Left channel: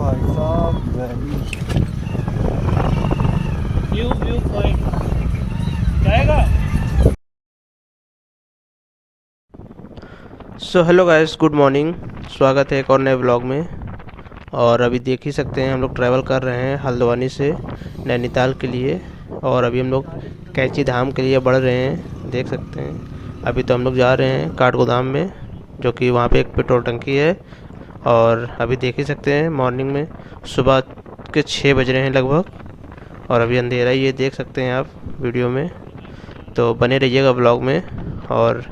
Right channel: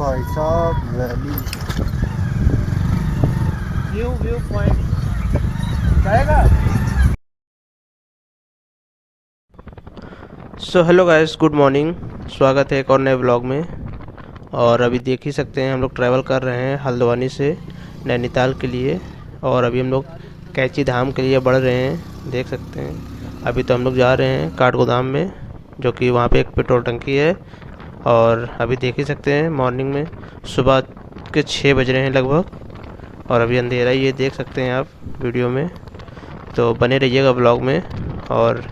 भाई साहब valley view point जाएगा। So hello guys, good morning. स्वागत है एक और नए ब्लॉग में। और अभी देख ही सकते हैं हम लोग ट्रैवल कर रहे हैं हल्द्वानी से नैनीताल के लिए। और अभी हम लोग कैंची धाम के लिए बढ़ रहे हैं, देख सकते हैं। अभी तो हम लोग जा रहे हैं काठगोदाम में, जो कि वहाँ पे एक पेट्रोल टंकी है। और अभी देख ही सकते हैं मॉर्निंग में सुबह के 6 बज रहे हैं लगभग, और अभी अंधेरा ही है, देख सकते हैं आप वीडियो में। तो बने रहिएगा ब्लॉग में, और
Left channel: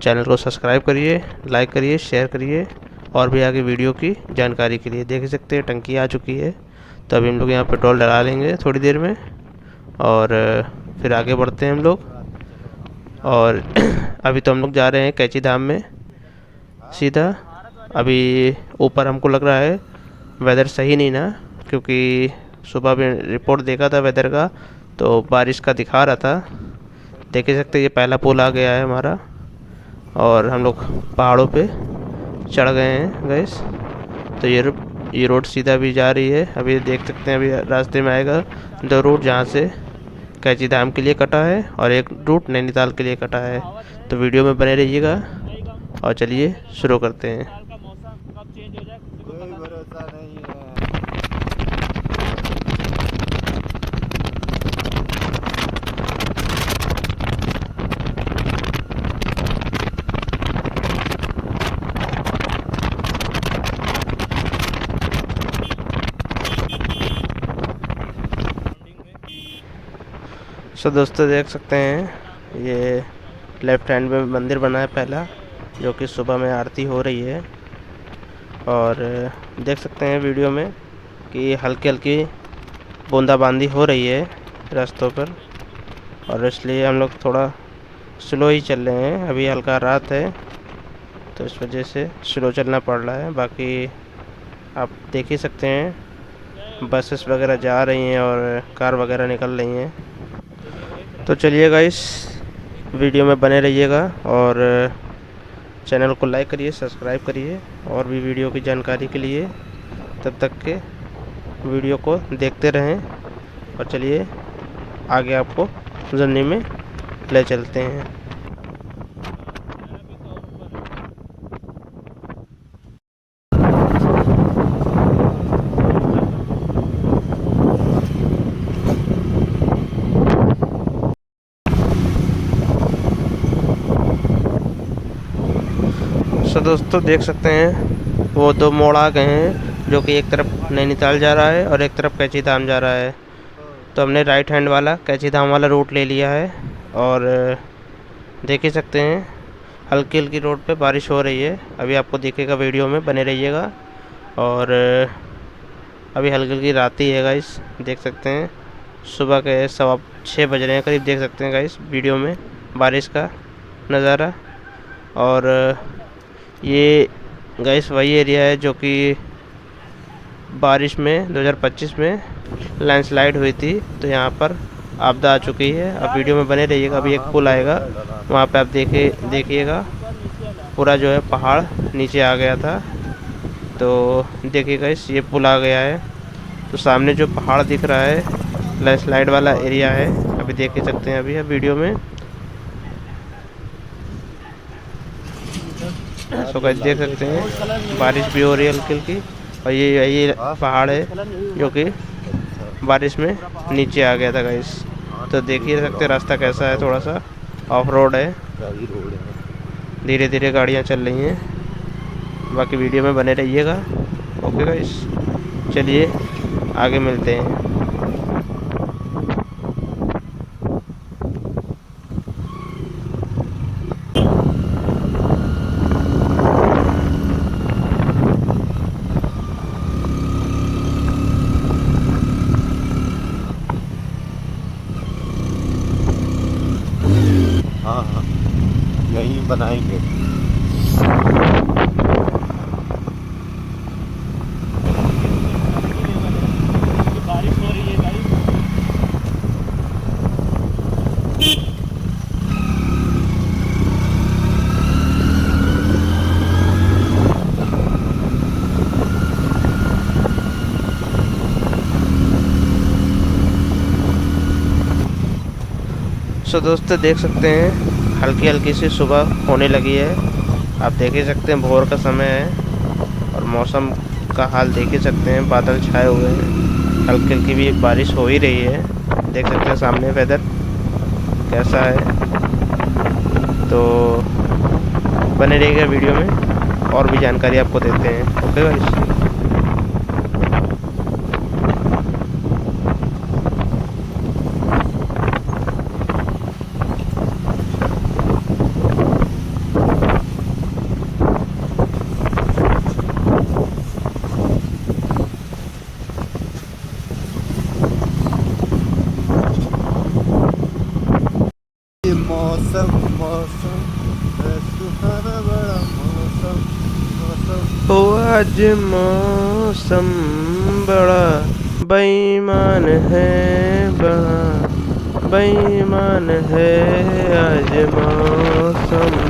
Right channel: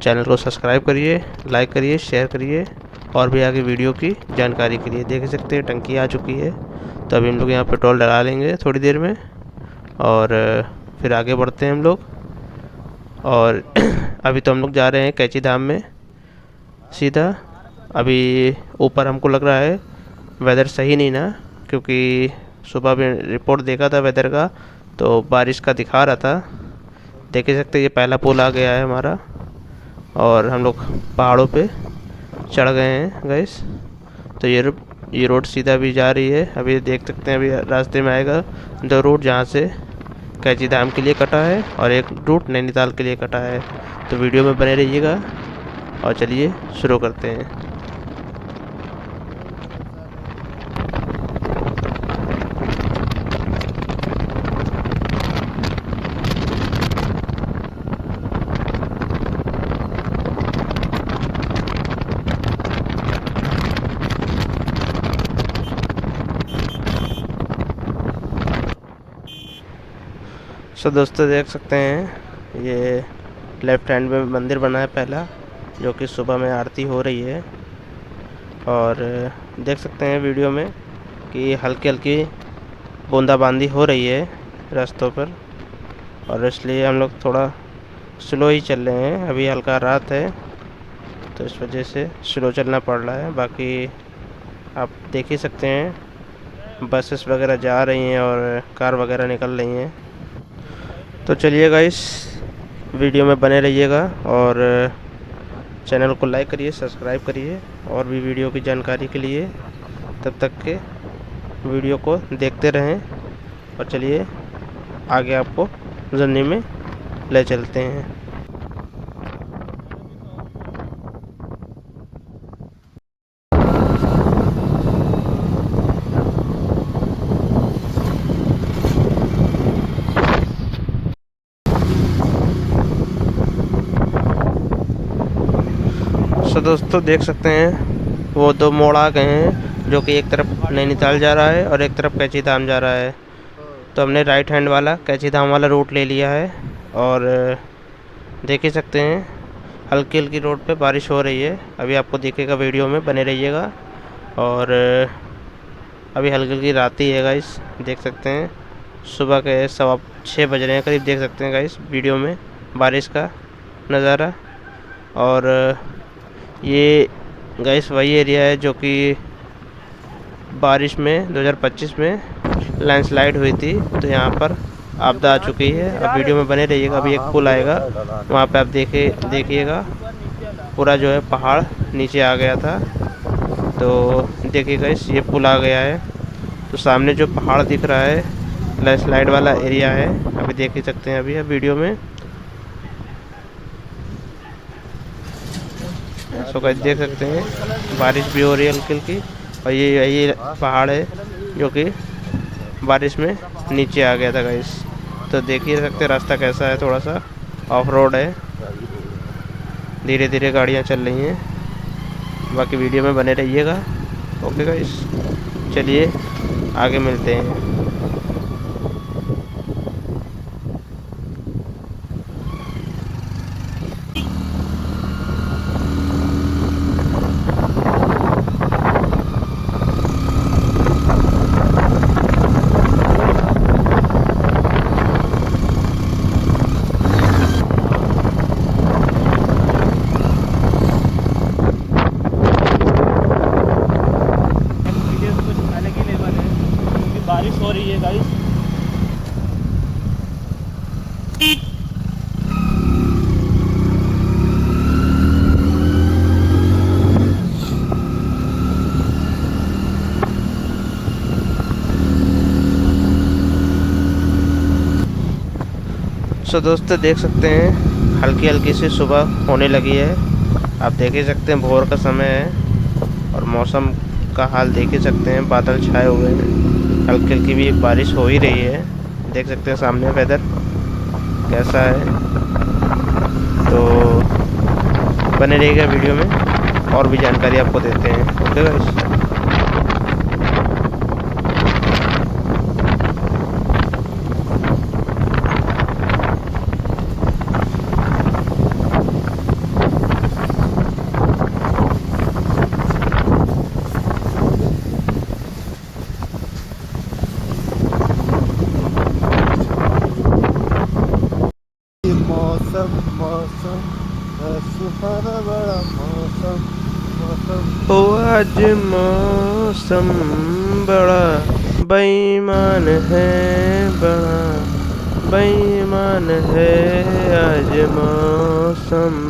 चैनल को सब्सक्राइब करिए, लाइक करिए, शेयर करिए। और भी आगे वीडियो की जानकारी के लिए देख सकते हैं टंकी आ चुकी है। तो अभी हम लोग यहाँ पेट्रोल डला लेंगे थोड़ी देर में, और फिर आगे बढ़ते हैं हम लोग। और अभी तो हम लोग जा रहे हैं कैंची धाम में सीधा। अभी ऊपर हमको लग रहा है वेदर सही नहीं ना, क्योंकि सुबह में रिपोर्ट देखा था वेदर का, तो बारिश का दिखा रहा था। देख ही सकते हैं ये पहला पुल आ गया है हमारा, और हम लोग पहाड़ों पे चढ़ गए हैं गैस। तो ये रोड सीधा भी जा रही है। अभी देख सकते हैं, अभी रास्ते में आएगा 2 रूट, जहाँ से कैंची धाम के लिए कटा है और एक रूट नैनीताल के लिए कटा है। तो वीडियो में बने रहिएगा, और चलिए शुरू करते हैं। सो दोस्तों देख सकते हैं, ये लेफ्ट हैंड में मंदिर बना है पहला, जो कि सुबह में आरती हो रही है। और देख सकते हैं वीडियो में कि हल्की हल्की बूंदाबांदी हो रही है रास्तों पर, और इसलिए हम लोग थोड़ा स्लो ही चल रहे हैं। अभी हल्का रात है, तो इस वजह से स्लो चलना पड़ रहा है। बाकी आप देख ही सकते हैं बसेस वगैरह जा रही हैं और कार वगैरह निकल रही हैं। तो चलिए गाइस, वीडियो में बने रहिएगा, और चैनल को लाइक करिए, सब्सक्राइब करिए, और भी वीडियो की जानकारी के लिए। तब तक के वीडियो को देखते रहें, और चलिए आगे आपको जर्नी में ले चलते हैं। सो दोस्तों देख सकते हैं वो 2 मोड़ आ गए हैं, जो कि एक तरफ नैनीताल जा रहा है और एक तरफ कैंची धाम जा रहा है। तो हमने राइट हैंड वाला कैंची धाम वाला रूट ले लिया है। और देख ही सकते हैं हल्की हल्की रोड पे बारिश हो रही है। अभी आपको दिखेगा, वीडियो में बने रहिएगा। और अभी हल्की हल्की रात ही है गाइस, देख सकते हैं सुबह के 6:15 बज रहे हैं करीब। देख सकते हैं गाइस वीडियो में बारिश का नज़ारा। और ये गाइस वही एरिया है जो कि बारिश में 2025 में लैंडस्लाइड हुई थी, तो यहाँ पर आपदा आ चुकी है। अब वीडियो में बने रहिएगा। अभी एक पुल आएगा, वहाँ पे आप देखिएगा पूरा जो है पहाड़ नीचे आ गया था। तो देखिएगा इस ये पुल आ गया है, तो सामने जो पहाड़ दिख रहा है लैंडस्लाइड वाला एरिया है। अभी देख ही सकते हैं अभी वीडियो में। सो गाइस देख सकते हैं बारिश भी हो रही है हल्की हल्की, और ये पहाड़ है जो कि बारिश में नीचे आ गया था गाइस। तो देख ही सकते रास्ता कैसा है, थोड़ा सा ऑफ रोड है, धीरे धीरे गाड़ियाँ चल रही हैं। बाकी वीडियो में बने रहिएगा। ओके गाइस, चलिए आगे मिलते हैं। बारिश हो रही सो दोस्तों देख सकते हैं हल्की हल्की सी सुबह होने लगी है। आप देख ही सकते हैं भोर का समय है और मौसम का हाल देख ही सकते हैं, बादल छाए हुए हैं, हल्की हल्की भी बारिश हो ही रही है। देख सकते हैं सामने वेदर कैसा है। तो बने रहिएगा वीडियो में, और भी जानकारी आपको देते हैं। Okay guys. मौसम मौसम सुहाना बड़ा मौसम मौसम। ओ आज मौसम बड़ा बेईमान है, बड़ा बेईमान है आज मौसम।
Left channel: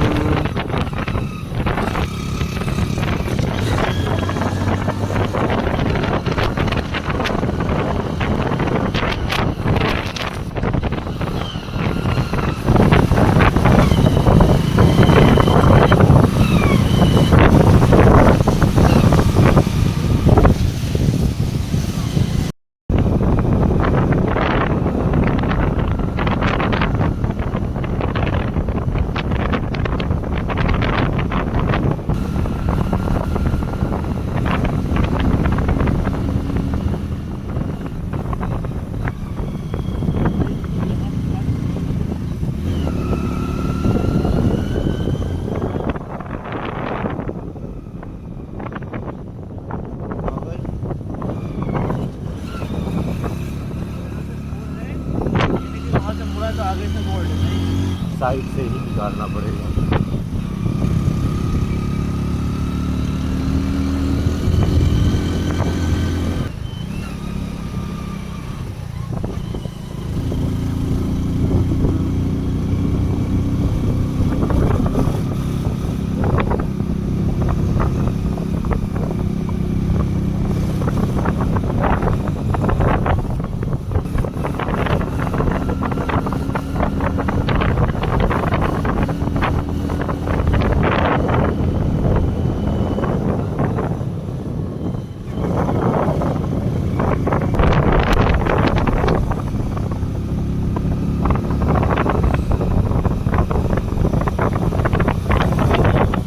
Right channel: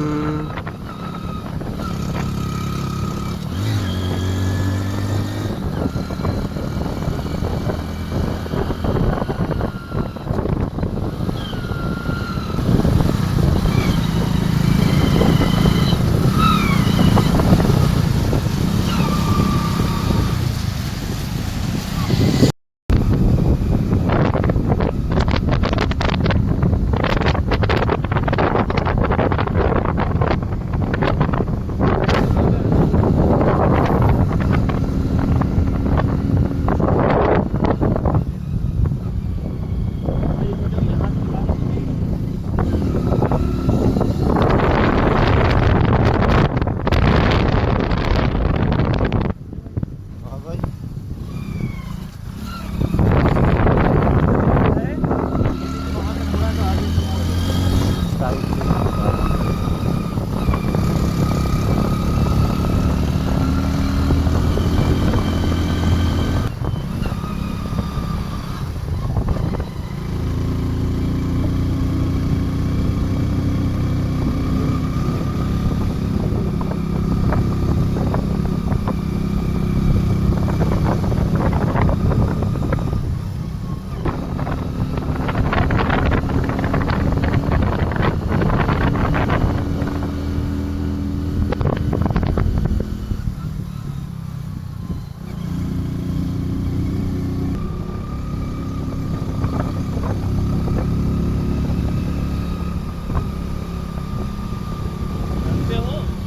साइड से उतारना पड़ेगा।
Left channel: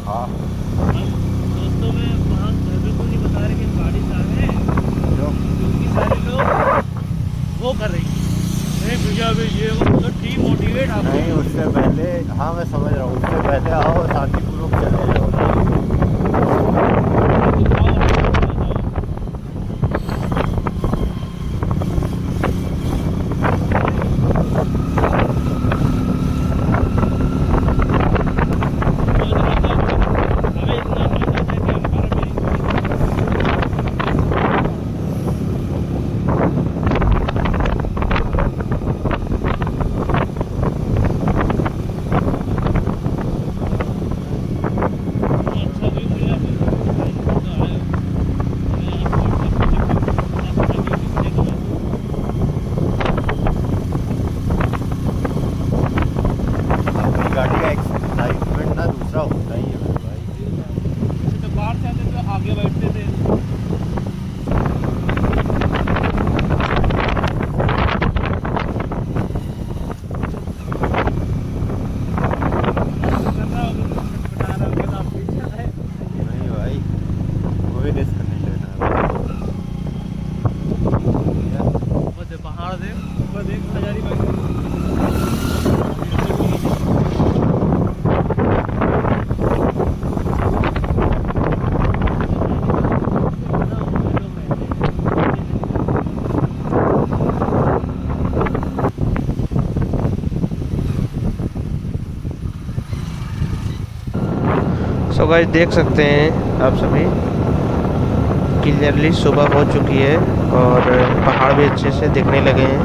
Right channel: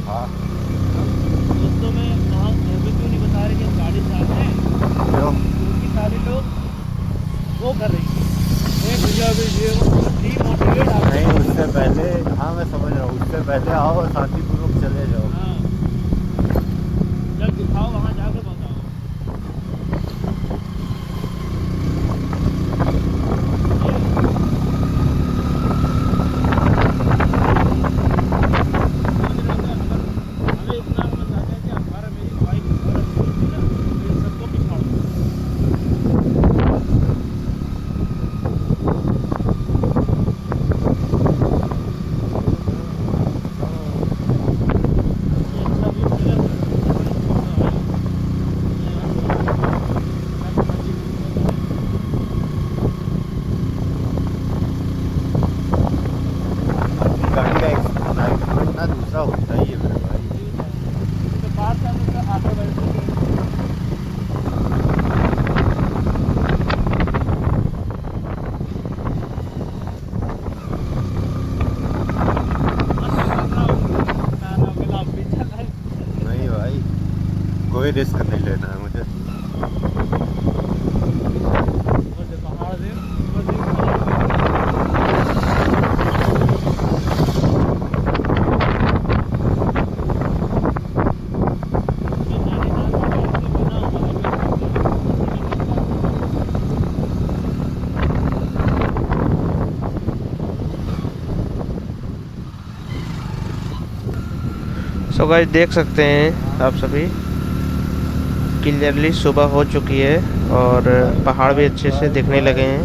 हाँ दोस्तों में वहाँ क्यों नहीं बता रहे कि हम गाड़ी चला रहे हैं, क्यों? क्योंकि सारे लोग वो कर रही है भैया भी ये वो डीमोटिवेट आ गए। नहीं, उससे पहले, हाँ मैं समझ रहा हूँ, उससे पहले आओ शांतिपूर्वक चले जाओ। गाड़ी का एक्साइटमेंट ना दूसरा होता ही है मेरे भाई। तो बाहर से आने तो आगे बैठते थे। नहीं भाई, कोई रिस्क नहीं लेना है। पहाड़ देख, ऊपर देख नजारी। सो गाइस देख सकते हैं आप सभी क्लियरली सुबह हो चुकी है और पहाड़ भी अच्छे से दिखने लगे हैं।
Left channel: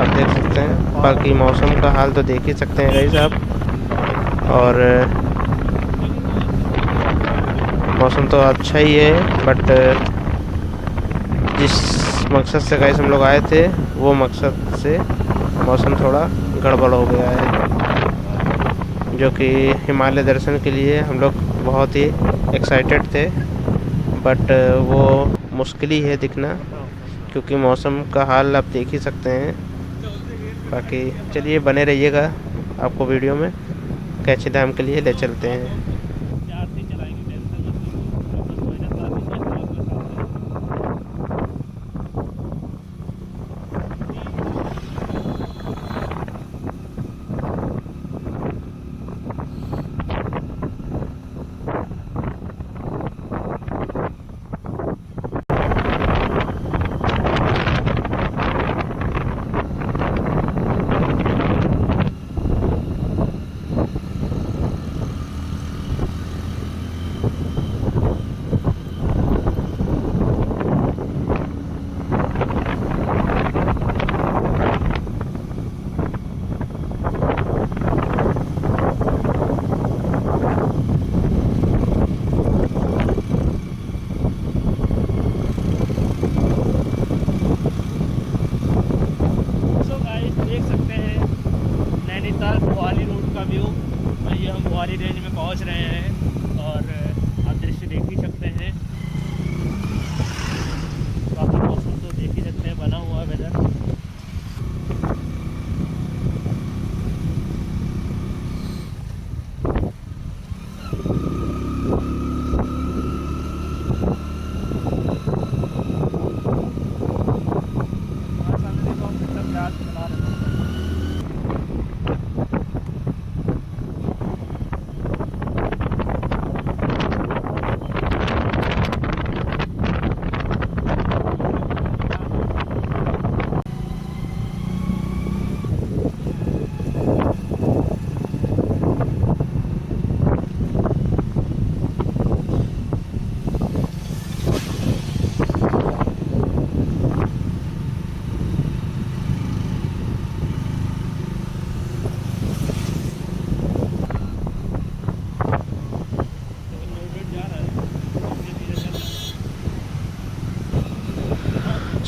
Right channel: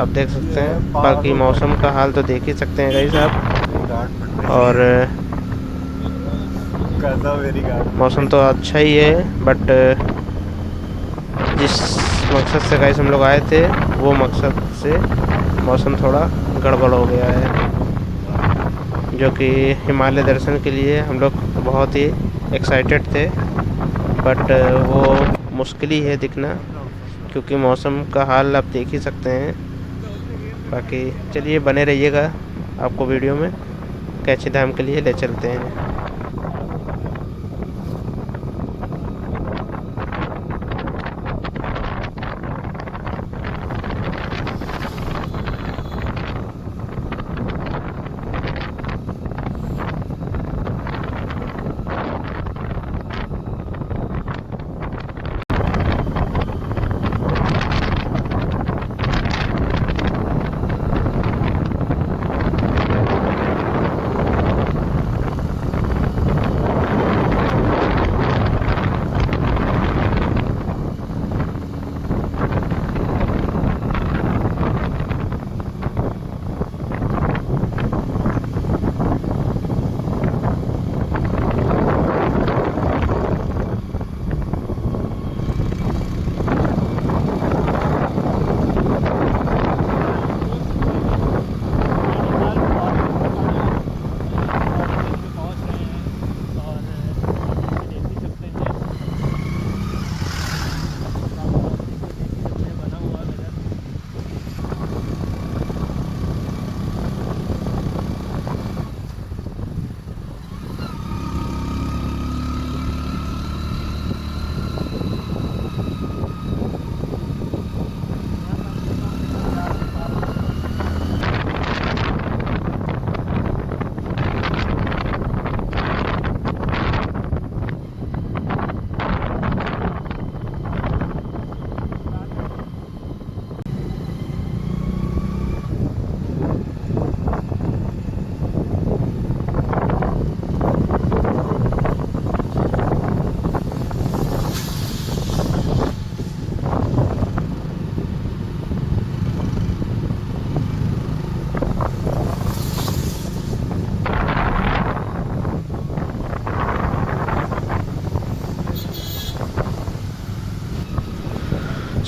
आप देख सकते हैं, बाकी मौसम का हाल तो देख ही सकते हैं गाइस आप। और मौसम तो अच्छा ही है, बट जिस मकसद से गाइस हम लोग आए थे वो मकसद से मौसम थोड़ा गड़बड़ हो गया है, जो कि हिमालय दर्शन के लिए हम लोग बहुत ही एक्साइटेड थे, बट वो मुश्किल ही है दिखना, क्योंकि मौसम का हाल आप देख ही सकते हैं। बाकी चलिए बने रहिएगा, आपको वीडियो में कैची धाम के लिए ले चलते हैं। देख सकते हैं नैनीताल पहाड़ियों का व्यू। वहीं हम पहाड़ी रेंज में पहुंच रहे हैं और आप दृश्य देख ही सकते हैं। काफ़ी मौसम तो देख ही सकते हैं, बना हुआ वेदर।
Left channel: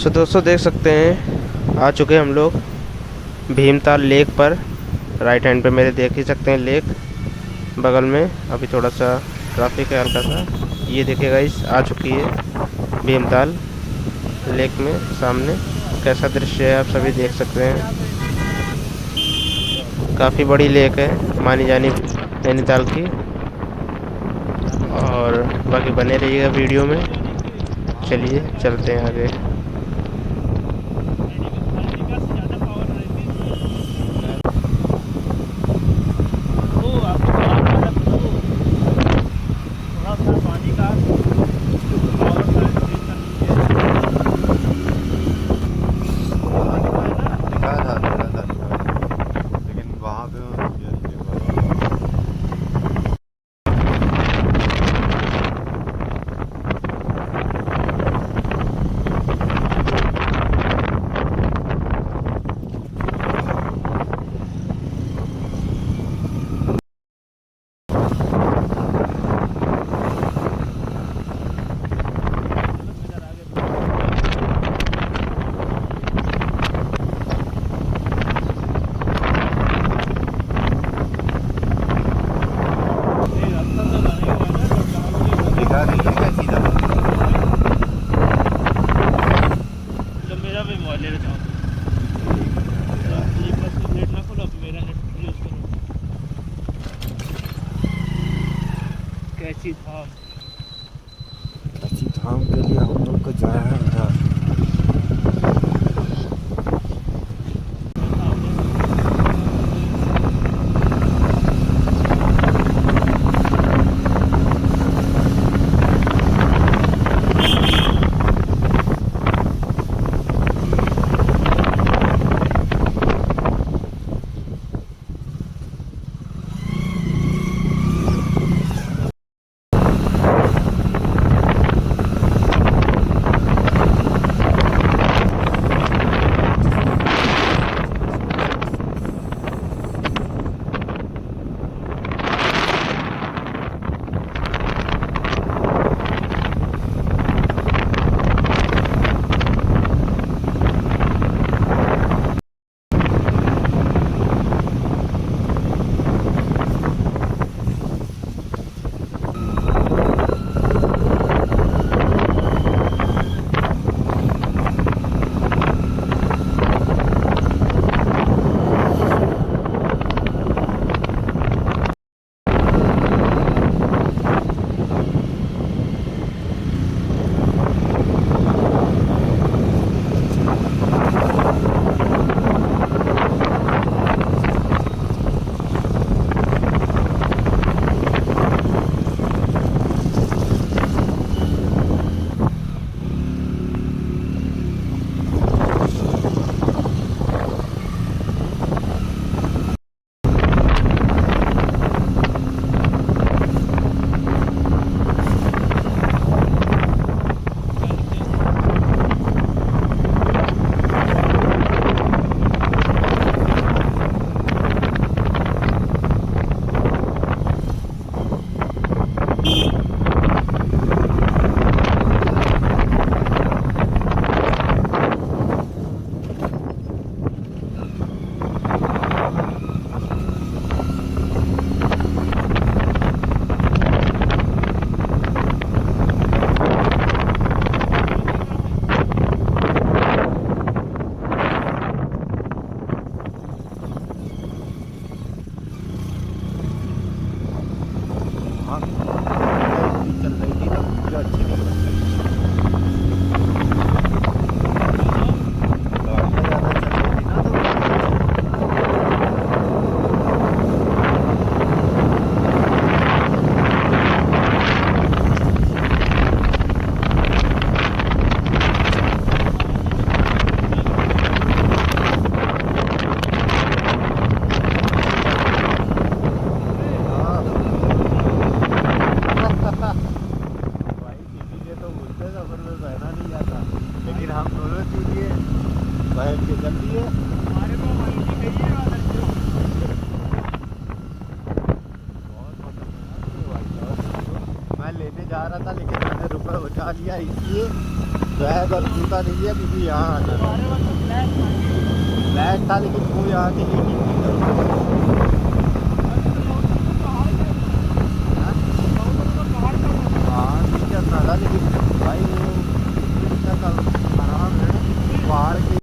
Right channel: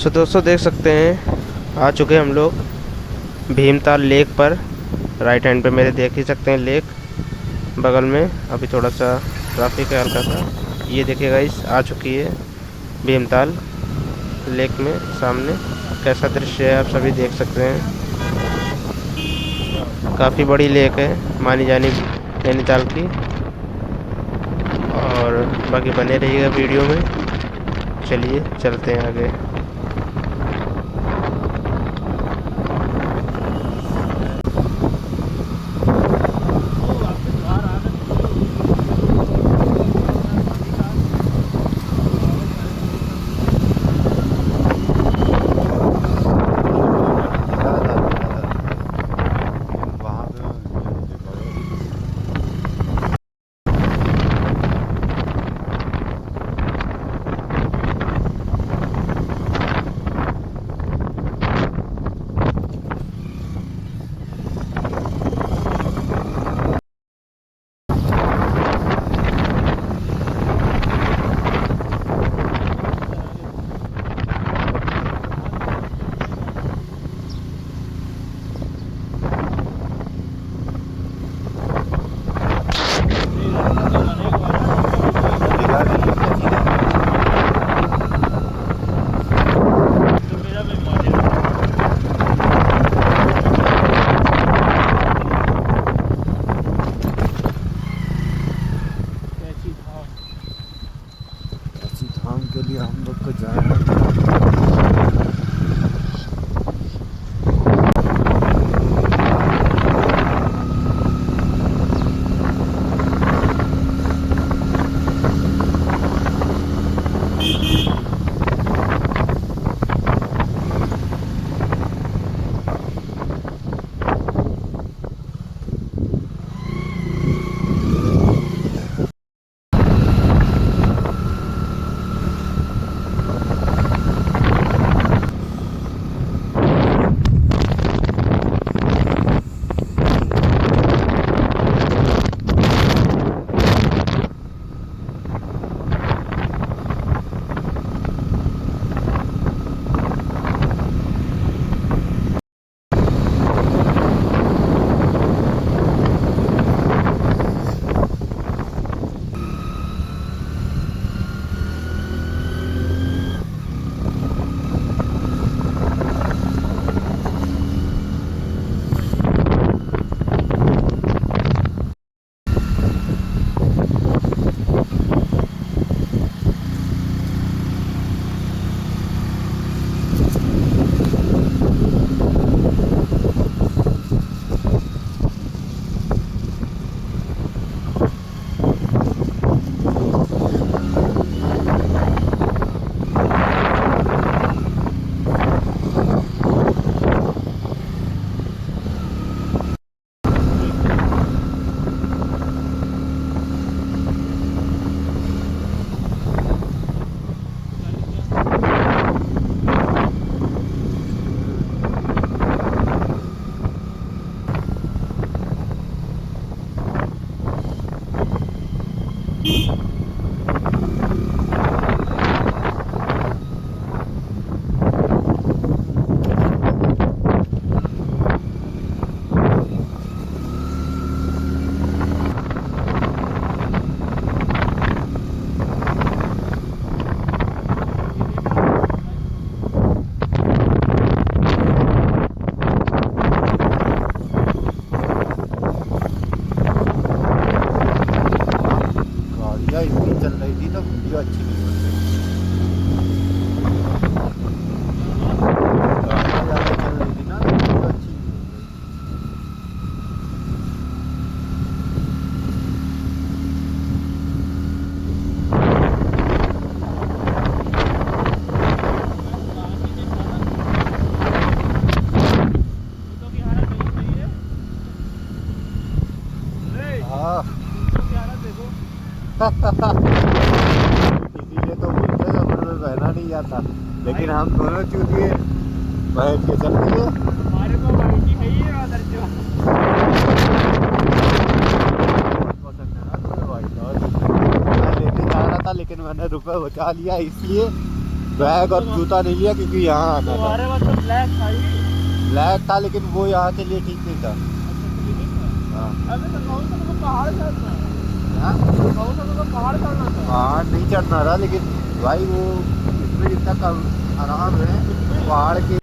सो दोस्तों देख सकते हैं आ चुके हम लोग भीमताल लेक पर। राइट हैंड पे मेरे देख ही सकते हैं लेक, बगल में अभी थोड़ा सा ट्रैफिक है हल्का सा। ये देखिएगा इस आ चुकी है भीमताल लेक में। सामने कैसा दृश्य है आप सभी देख सकते हैं। काफ़ी बड़ी लेक है मानी जानी नैनीताल की। और बाकी बने रहिएगा वीडियो में। चलिए चलते हैं आगे। लेकिन वहाँ पे मुझे नहीं देख पाया। दिखा रही है सीधा। तो मेरा भी मौजूद है। कैसी था अच्छी धाम के लिए हम लोग को जाना है। था, लेकिन हम दोनों चूतिए बैठ के चल दिए। हमारे को मारुति चाहिए और जो लेके जा रहा था, लेकिन मैंने रुपए बचा लिया इसलिए बैग और जूता नहीं लिया, क्योंकि यहाँ आना था। हमारे पास तो ब्लैक था, लेकिन वो यहाँ के लिए ठीक नहीं था। पहाड़ नहीं चढ़ना रहा, लेकिन भाई वो स्पीड इतना खराब है पहाड़ के।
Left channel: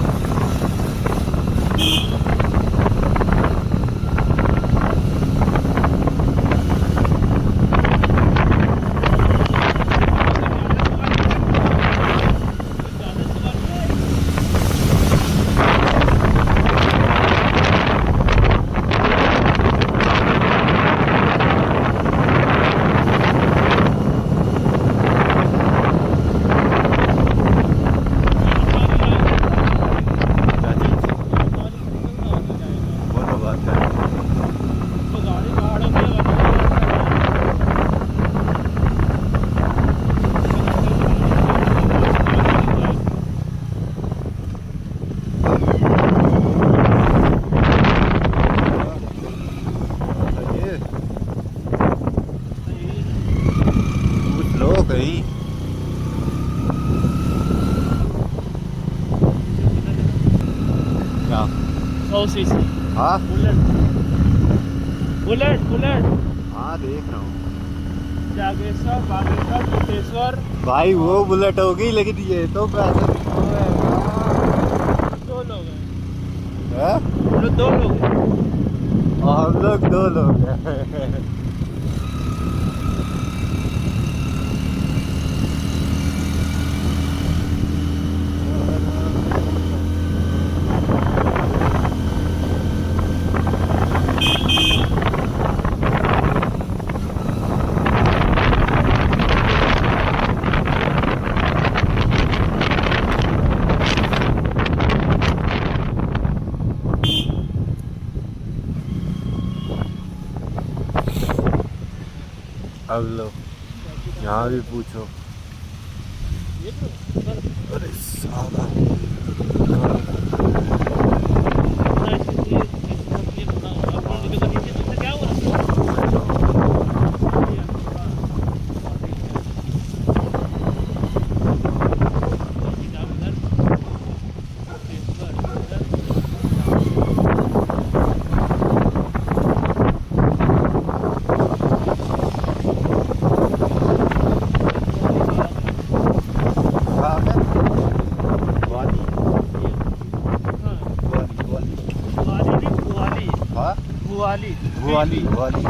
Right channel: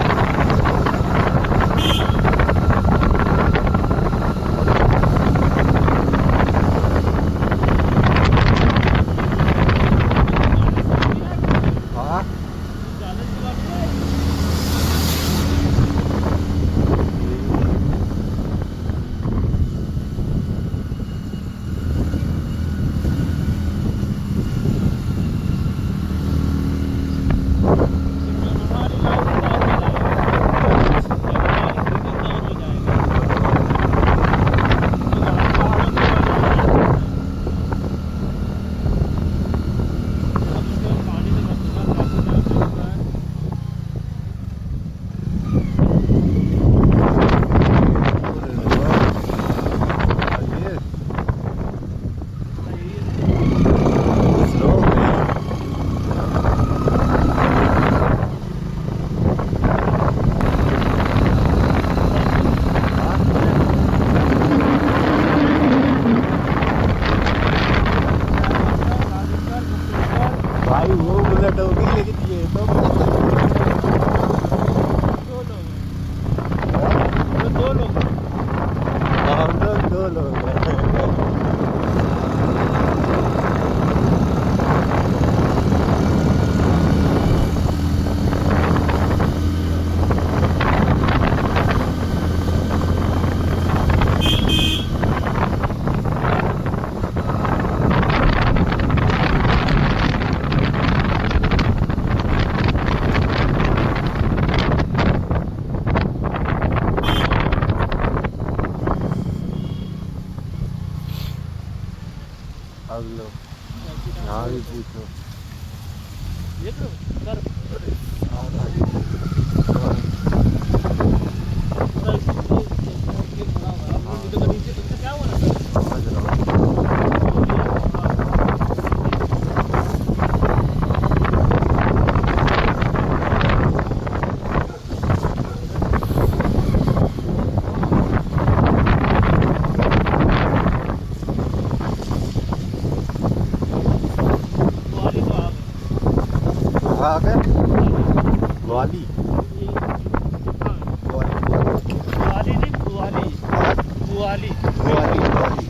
भाई वो बुलेट होगी, लेकिन ये तो दो लोग हम लोग 2 लोग हैं। अब लो यहाँ भी पूछो। अरे सारा क्या हुआ? कहाँ पे? ग्वाली ग्वाली ग्वाली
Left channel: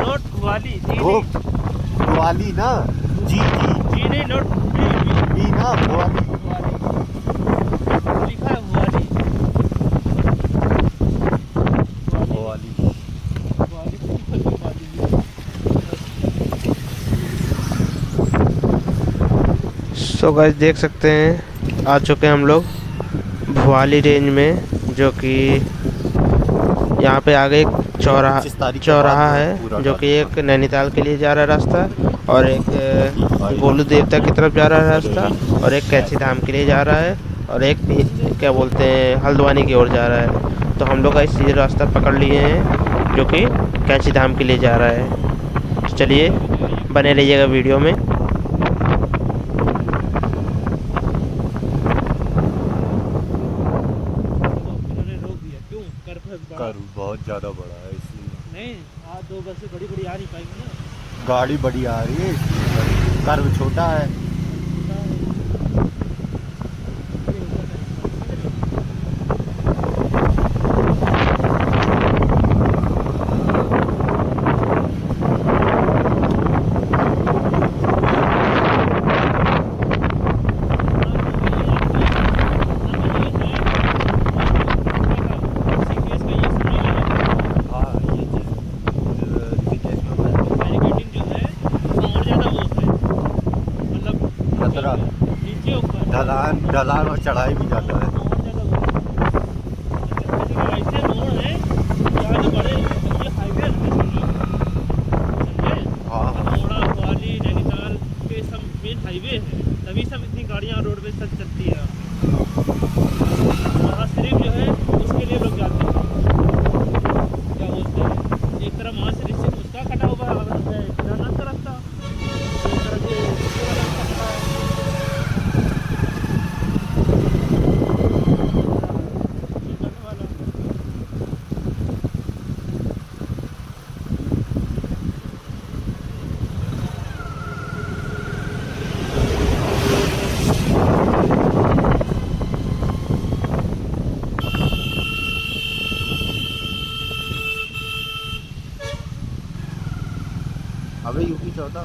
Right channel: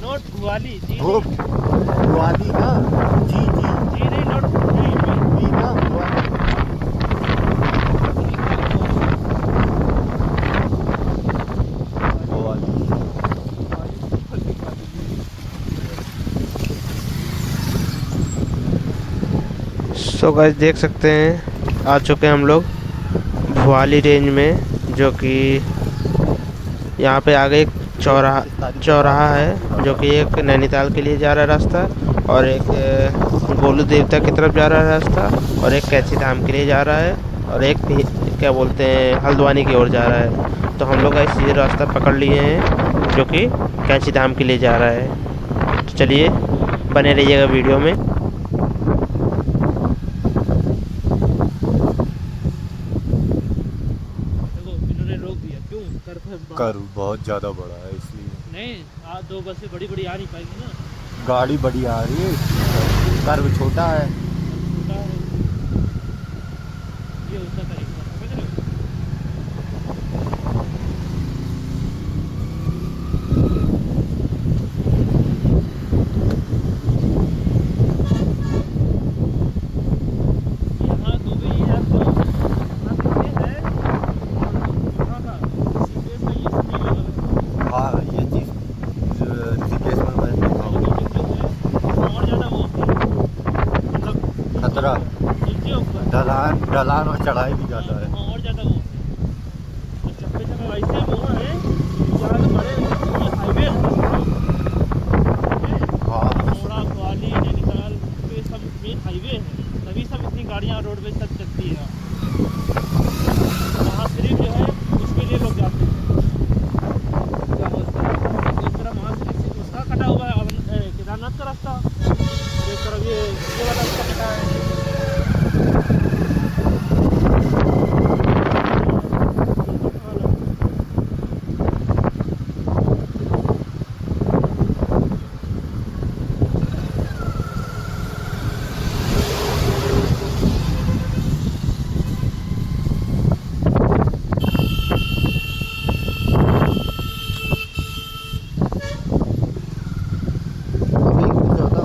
नोट ग्वाली वो ग्वाली ना, जी जी जी नहीं नोट जी ना ग्वाली। सो गाइस देख सकते हैं आ चुके हैं हम लोग भुआली रेंज में, जो कि यहाँ पे आगे एक चौराहा है, जो कि एक नैनीताल के लिए जा रहा है रास्ता, और एक गोलू देवता की तरफ जा रहा है रास्ता, और एक कैची धाम के लिए जा रहा है, और एक क्या बोलते हैं हल्द्वानी की ओर जा रहा है। तो हम लोग इसी रास्ता पकड़ लिए हैं जो कि कैची धाम के लिए जा रहा है। तो चलिए बने रहिएगा वीडियो में। कर बहुत ज़्यादा बड़ा है इसलिए नहीं, दो बसें बड़ी बड़ी आ नहीं पाएगी ना, गाड़ी बड़ी आ रही है इसलिए कर्व छोटा है। छोटा है। ये उसका तरीका समझ रहे हो? ढलान और चढ़ाई भी ज़्यादा है। और ज़्यादा वो वैसे मोड़ है जहाँ से बड़े ये हाईवे हाँ मोड़ा ग्वाली नैनीताल के सब मेन हाईवे है। तभी सब इतनी गाड़ियाँ रोड पे तक चलती है। वहाँ सिर्फ जो है उसके लिए लोग जाते हैं, क्या बोलते हैं, एक तरफ वहाँ से उसका कटा हुआ है केदारनाथ का रास्ता, एक तरफ ये उसके वाला रास्ता कटा है। अभी क्या होता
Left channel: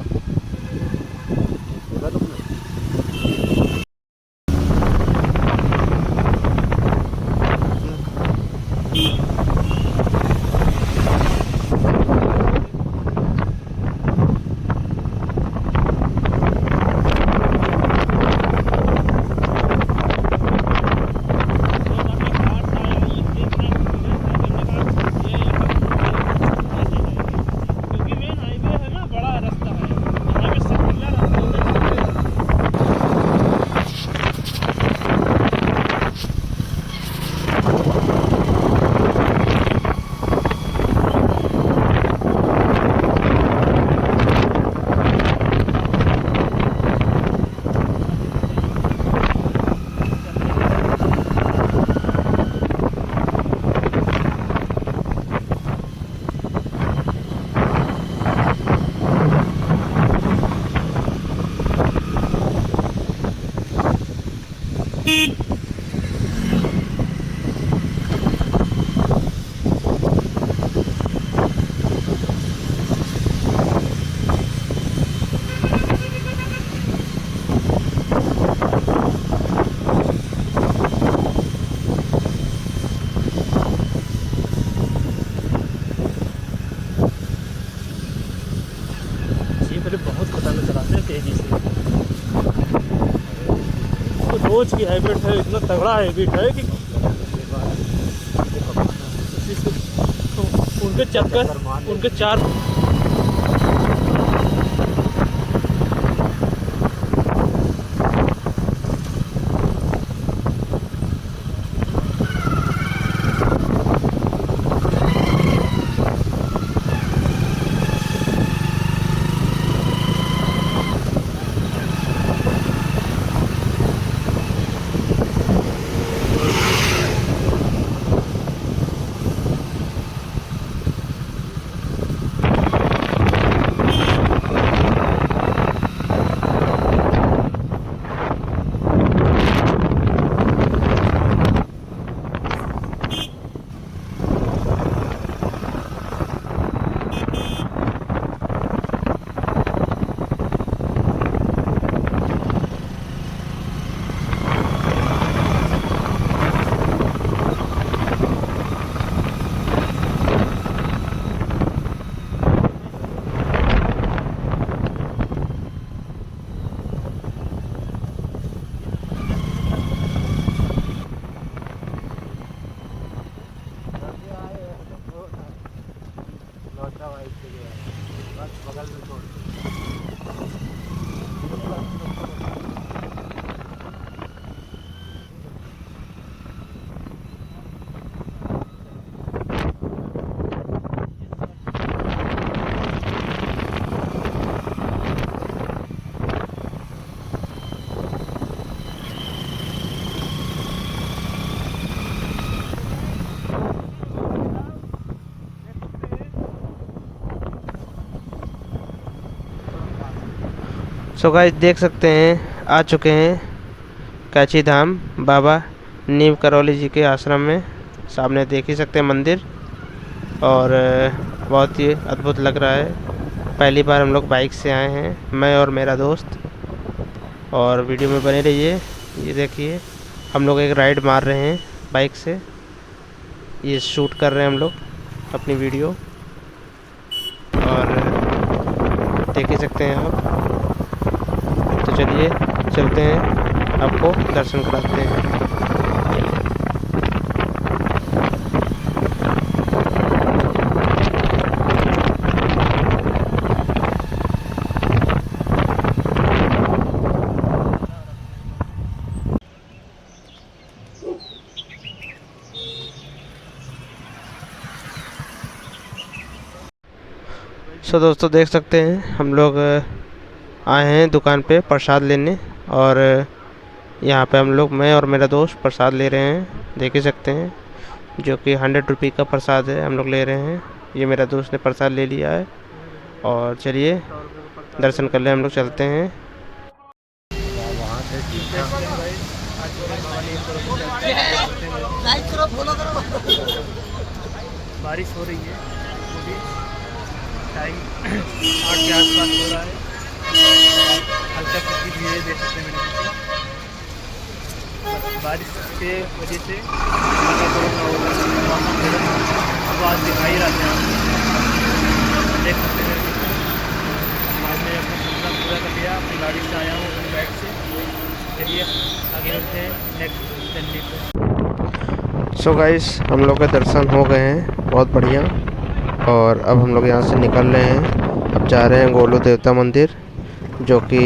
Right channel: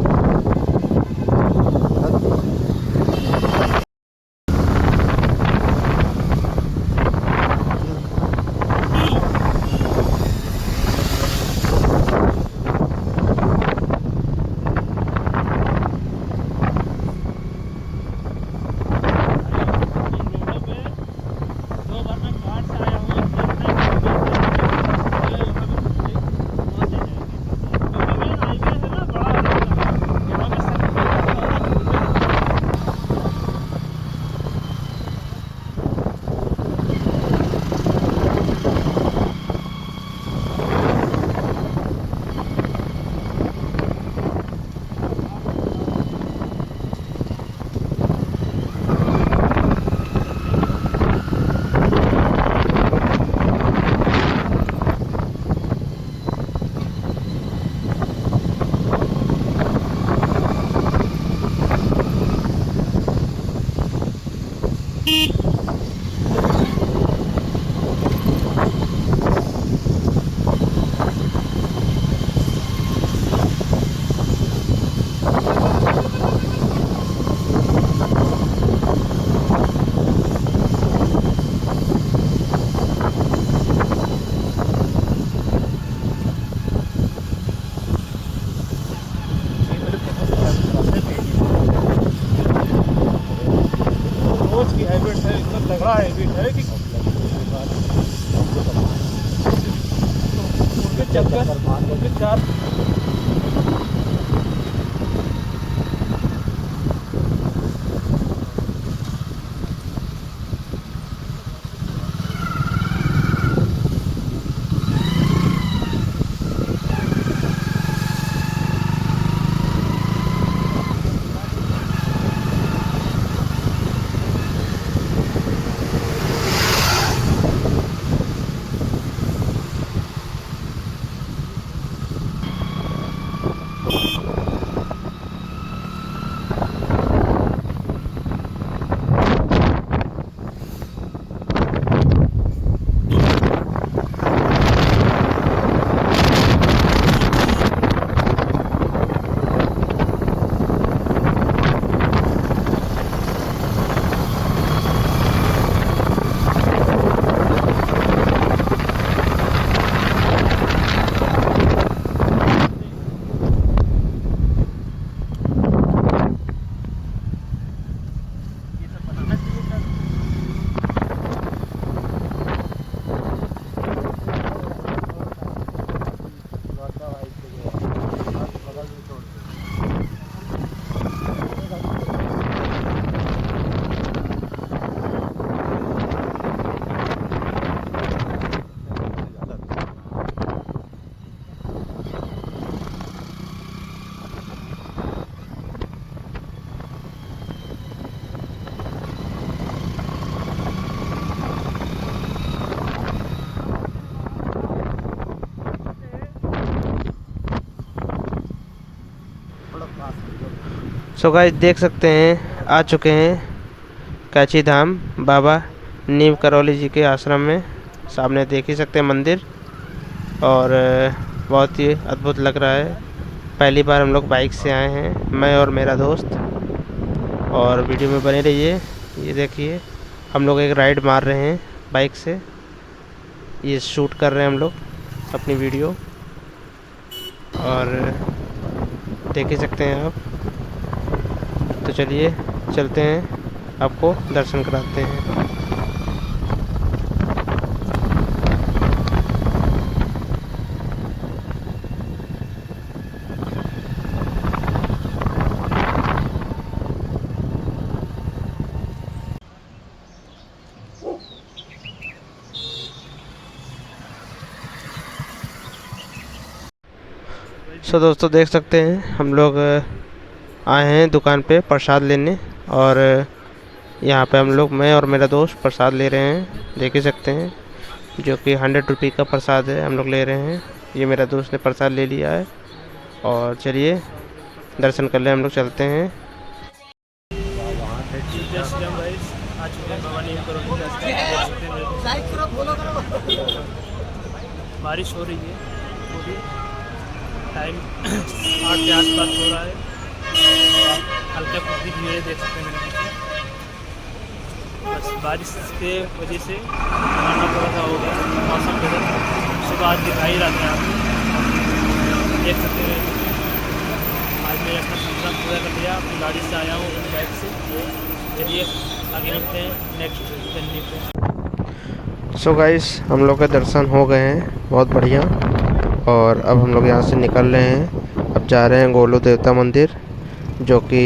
रोज की हैबिट है, इतना तगड़ा हैबिट है कि उनके चक्कर उनके चार बगल में छोड़ सो गाइस देख सकते हैं आ चुके हैं कैची धाम बाबा नीम करौली जी के आश्रम में। सामने देख ही सकते हैं मंदिर, और बहुत ही अद्भुत लग रहा है। पहली बार हम लोग बाइक से आए हैं, मैं और मेरा दोस्त, और वीडियो में बने रहिए। ये देखिए हम लोग एक राइड मार रहे हैं बाइक से, ये शूट कर रहे हैं हम लोग अपनी वीडियो, और देख ही सकते हैं आप। तो चलिए चलते हैं, आपको दर्शन कराते हैं। सो दोस्तों देख सकते हैं हम लोग आए हैं दुकान पे प्रसाद लेने, और यहाँ पे हम लोग, मैं और मेरा दोस्त प्रसाद ले रहे हैं, देख ही सकते हैं, जो कि 100 रुपये का प्रसाद है, हम लोग ले रहे हैं। ये मेरा दोस्त ने प्रसाद ले लिया है, और चलिए दर्शन कर ले, हम लोग चलते हैं। बारिश हो रही है पूरी, टाइम 8 के आसपास हो रहा है, हल्का फुल्की भीड़ देख सकते हैं मेरे पीछे। बस बारिश के वजह से वहाँ का थोड़ा सा हो गया मौसम बिगड़, सुबह आज दिखाई रहते हैं आप देख सकते हैं मेरे पीछे। आज मैंने अपना सपना पूरा कर लिया, अपनी गाड़ी से आया हूँ, अपनी बाइक से। चलिए आगे मिलते हैं नेक्स्ट जर्नी पे। सो गाइस हम लोग के दर्शन हो गए हैं, बहुत बढ़िया। और अब हम लोग यहाँ से निकल रहे हैं, अब जा रहे हैं गोलू देवता मंदिर, जो कि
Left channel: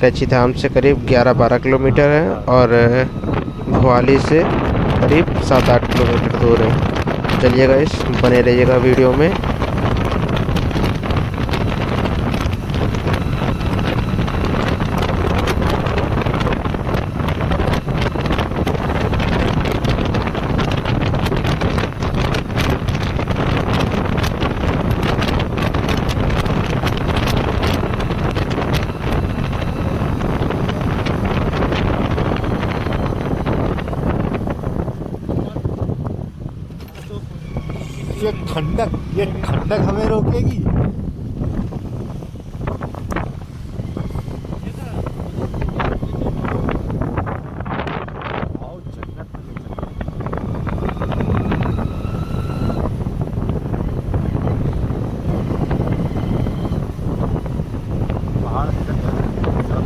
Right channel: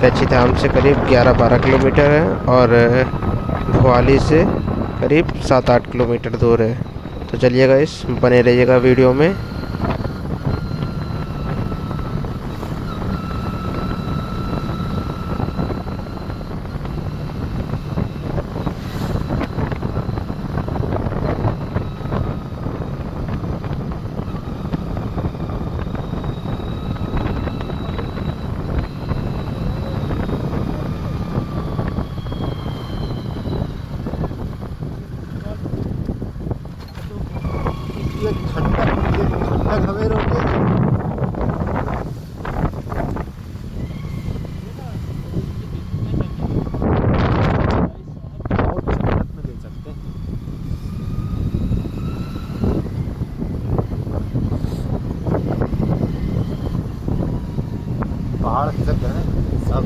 कैची धाम से करीब 11-12 किलोमीटर है, और भोपाली से करीब 7-8 किलोमीटर दूर है। तो चलिए गाइस बने रहिएगा वीडियो में। ये ठंडक हमें रोकेगी। पहाड़ से सब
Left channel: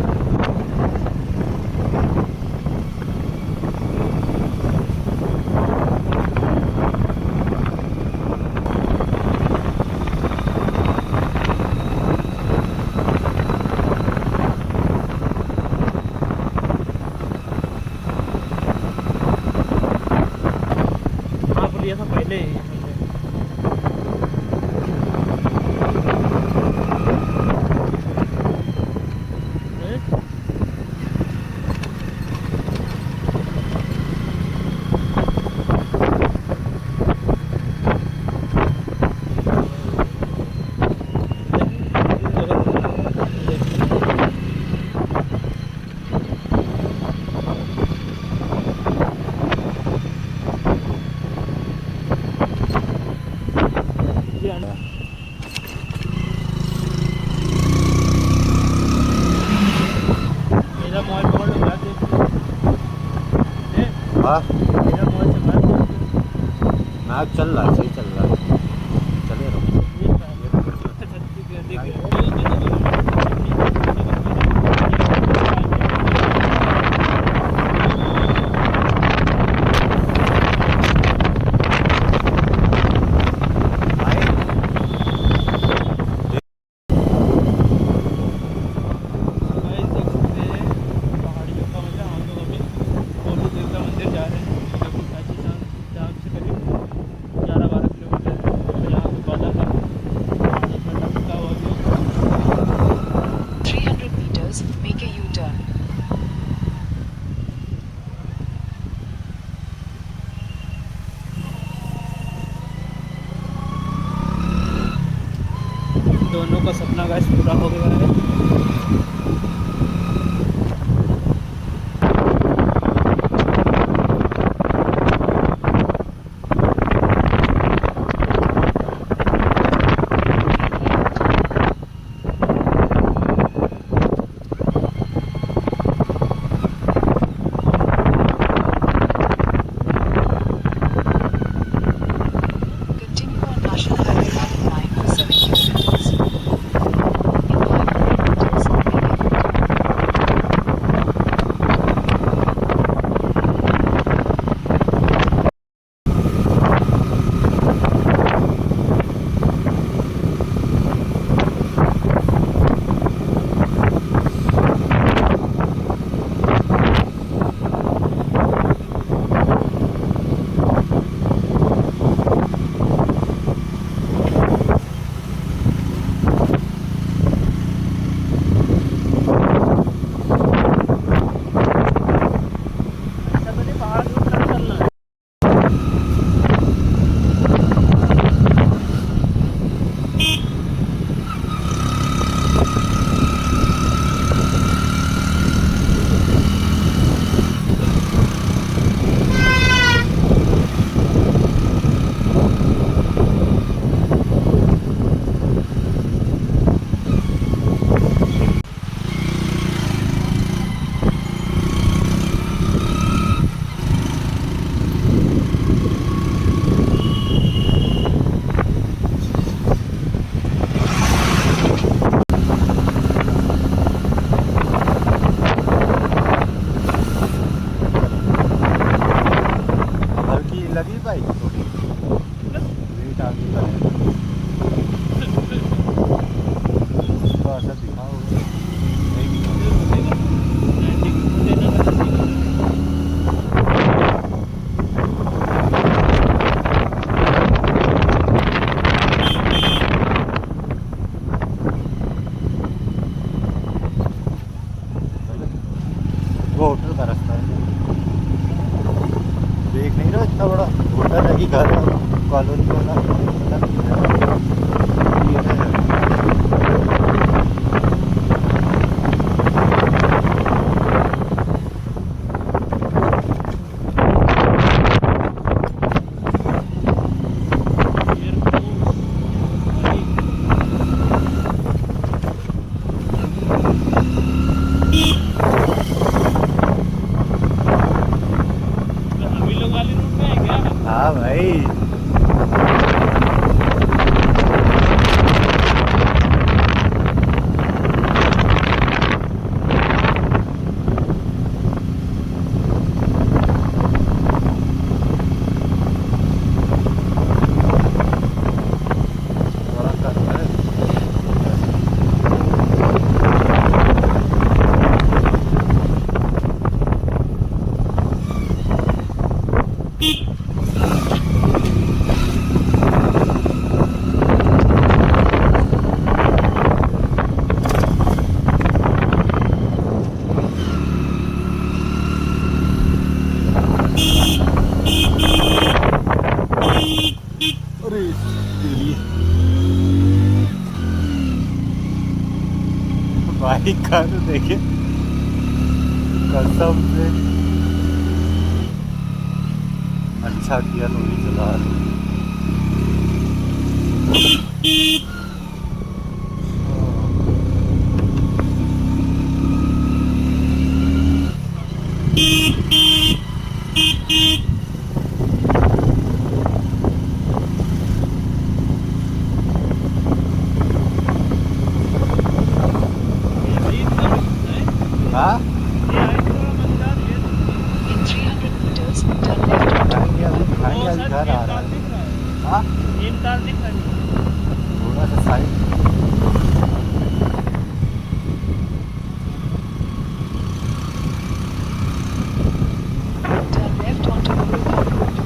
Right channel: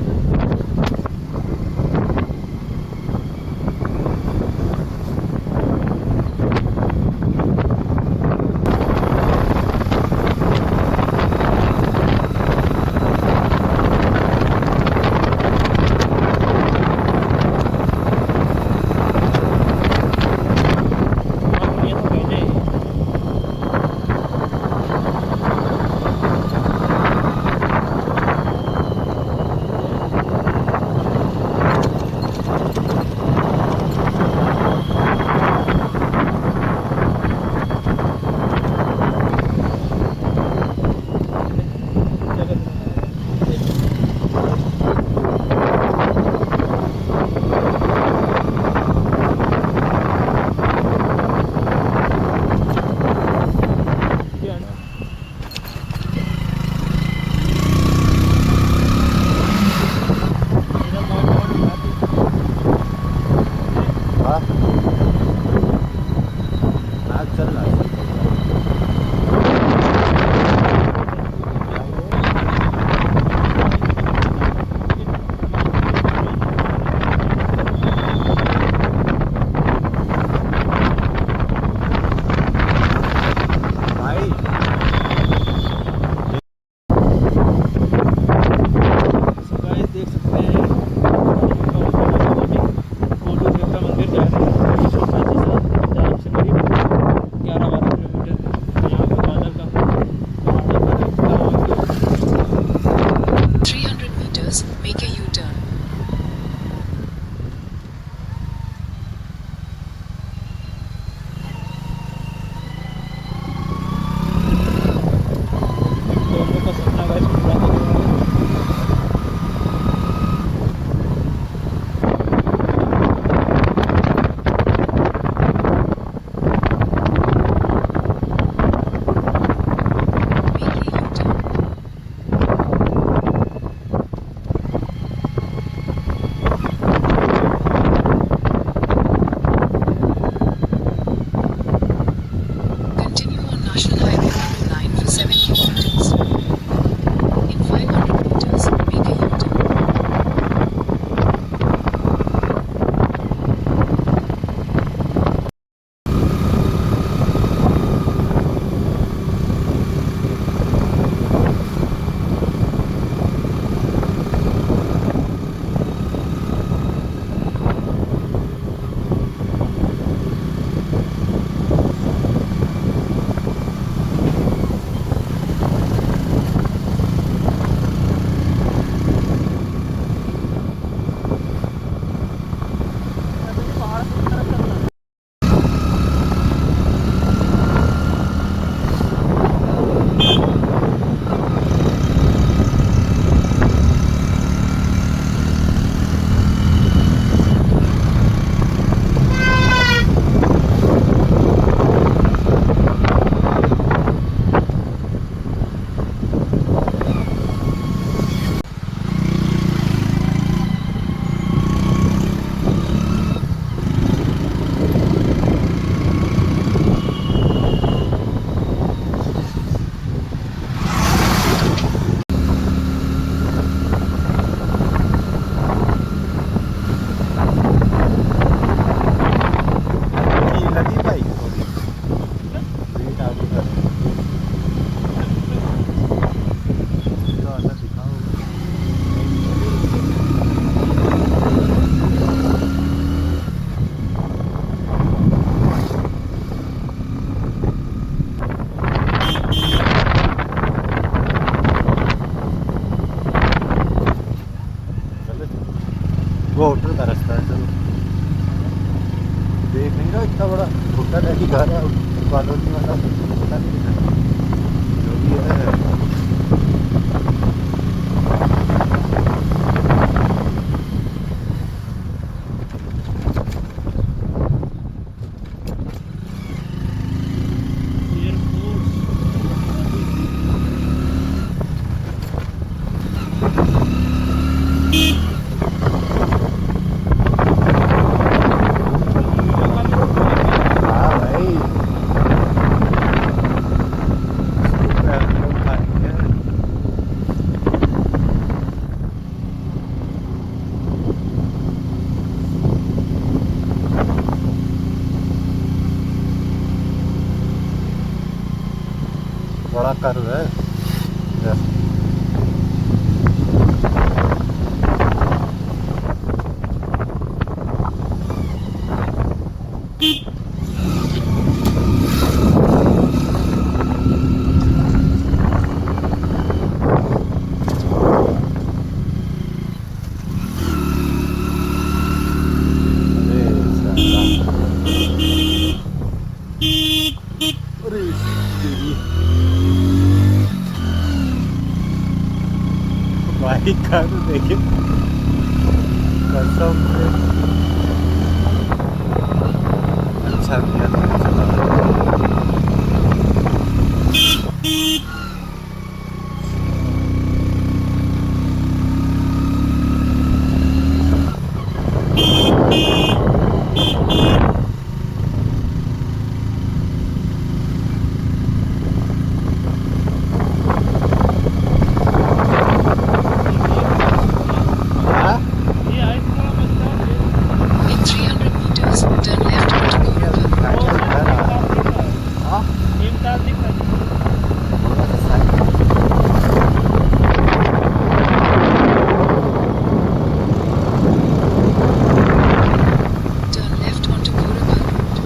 वो होटल का रास्ता है। देख नहीं रहा इतना बड़ा होटल है कि घर है कॉलोनी वाला पता नहीं है। ये है हाँ भाई। बड़ा कर है भाई कर देखे कसम से अच्छा किया तुमने चला हाँ In 300 meters, turn left onto ये अभी दिखाई अभी घर आ रहा है। हाँ नीमताल दिख रहा है। थोड़ा सा side turn left onto Gorakhpur Road.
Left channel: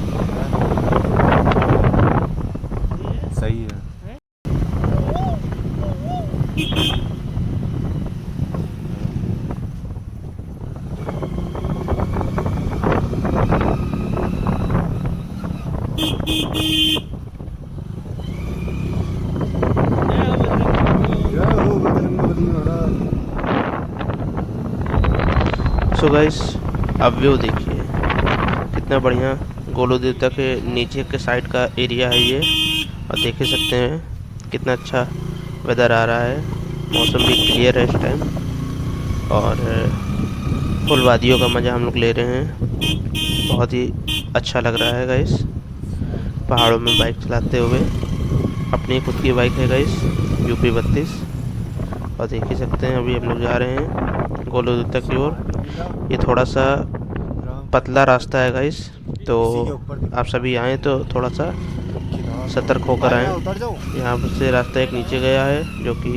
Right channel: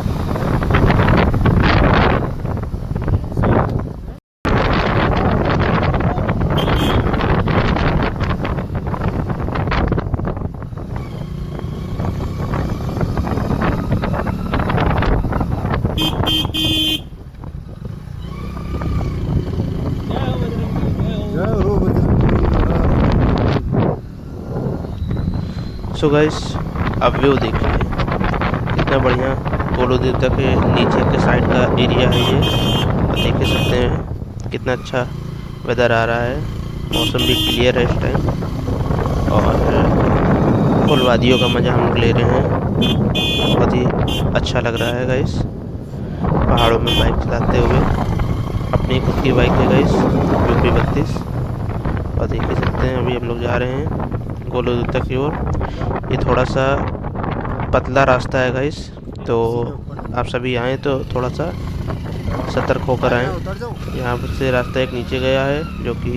सही है। जय हो बजरंगबली महाराज। सो गाइस अब व्यू देखिए कितना बढ़िया गोलू देवता के नीचे के साइड का एरिया है ये। और देख ही सकते हैं कितना अच्छा वेदर आ रहा है। मौसम भी क्लियर है इस टाइम और फुल वादियों का मज़ा हम लोग ले रहे हैं। बहुत ही अच्छा लग रहा है गाइस पहाड़ों में बाइक चलाते हुए। अपनी खुद की बाइक है गाइस UP 32। और देख ही सकते हैं अभी हम लोग जा रहे हैं गोलू देवता की ओर। ये थोड़ा सा पतला रास्ता है गाइस, तो आप सभी आएँ तो थोड़ा सा सतर्क होकर आएँ। उतर जाओ। यहाँ से रास्ता एक नीचे गया है जो कि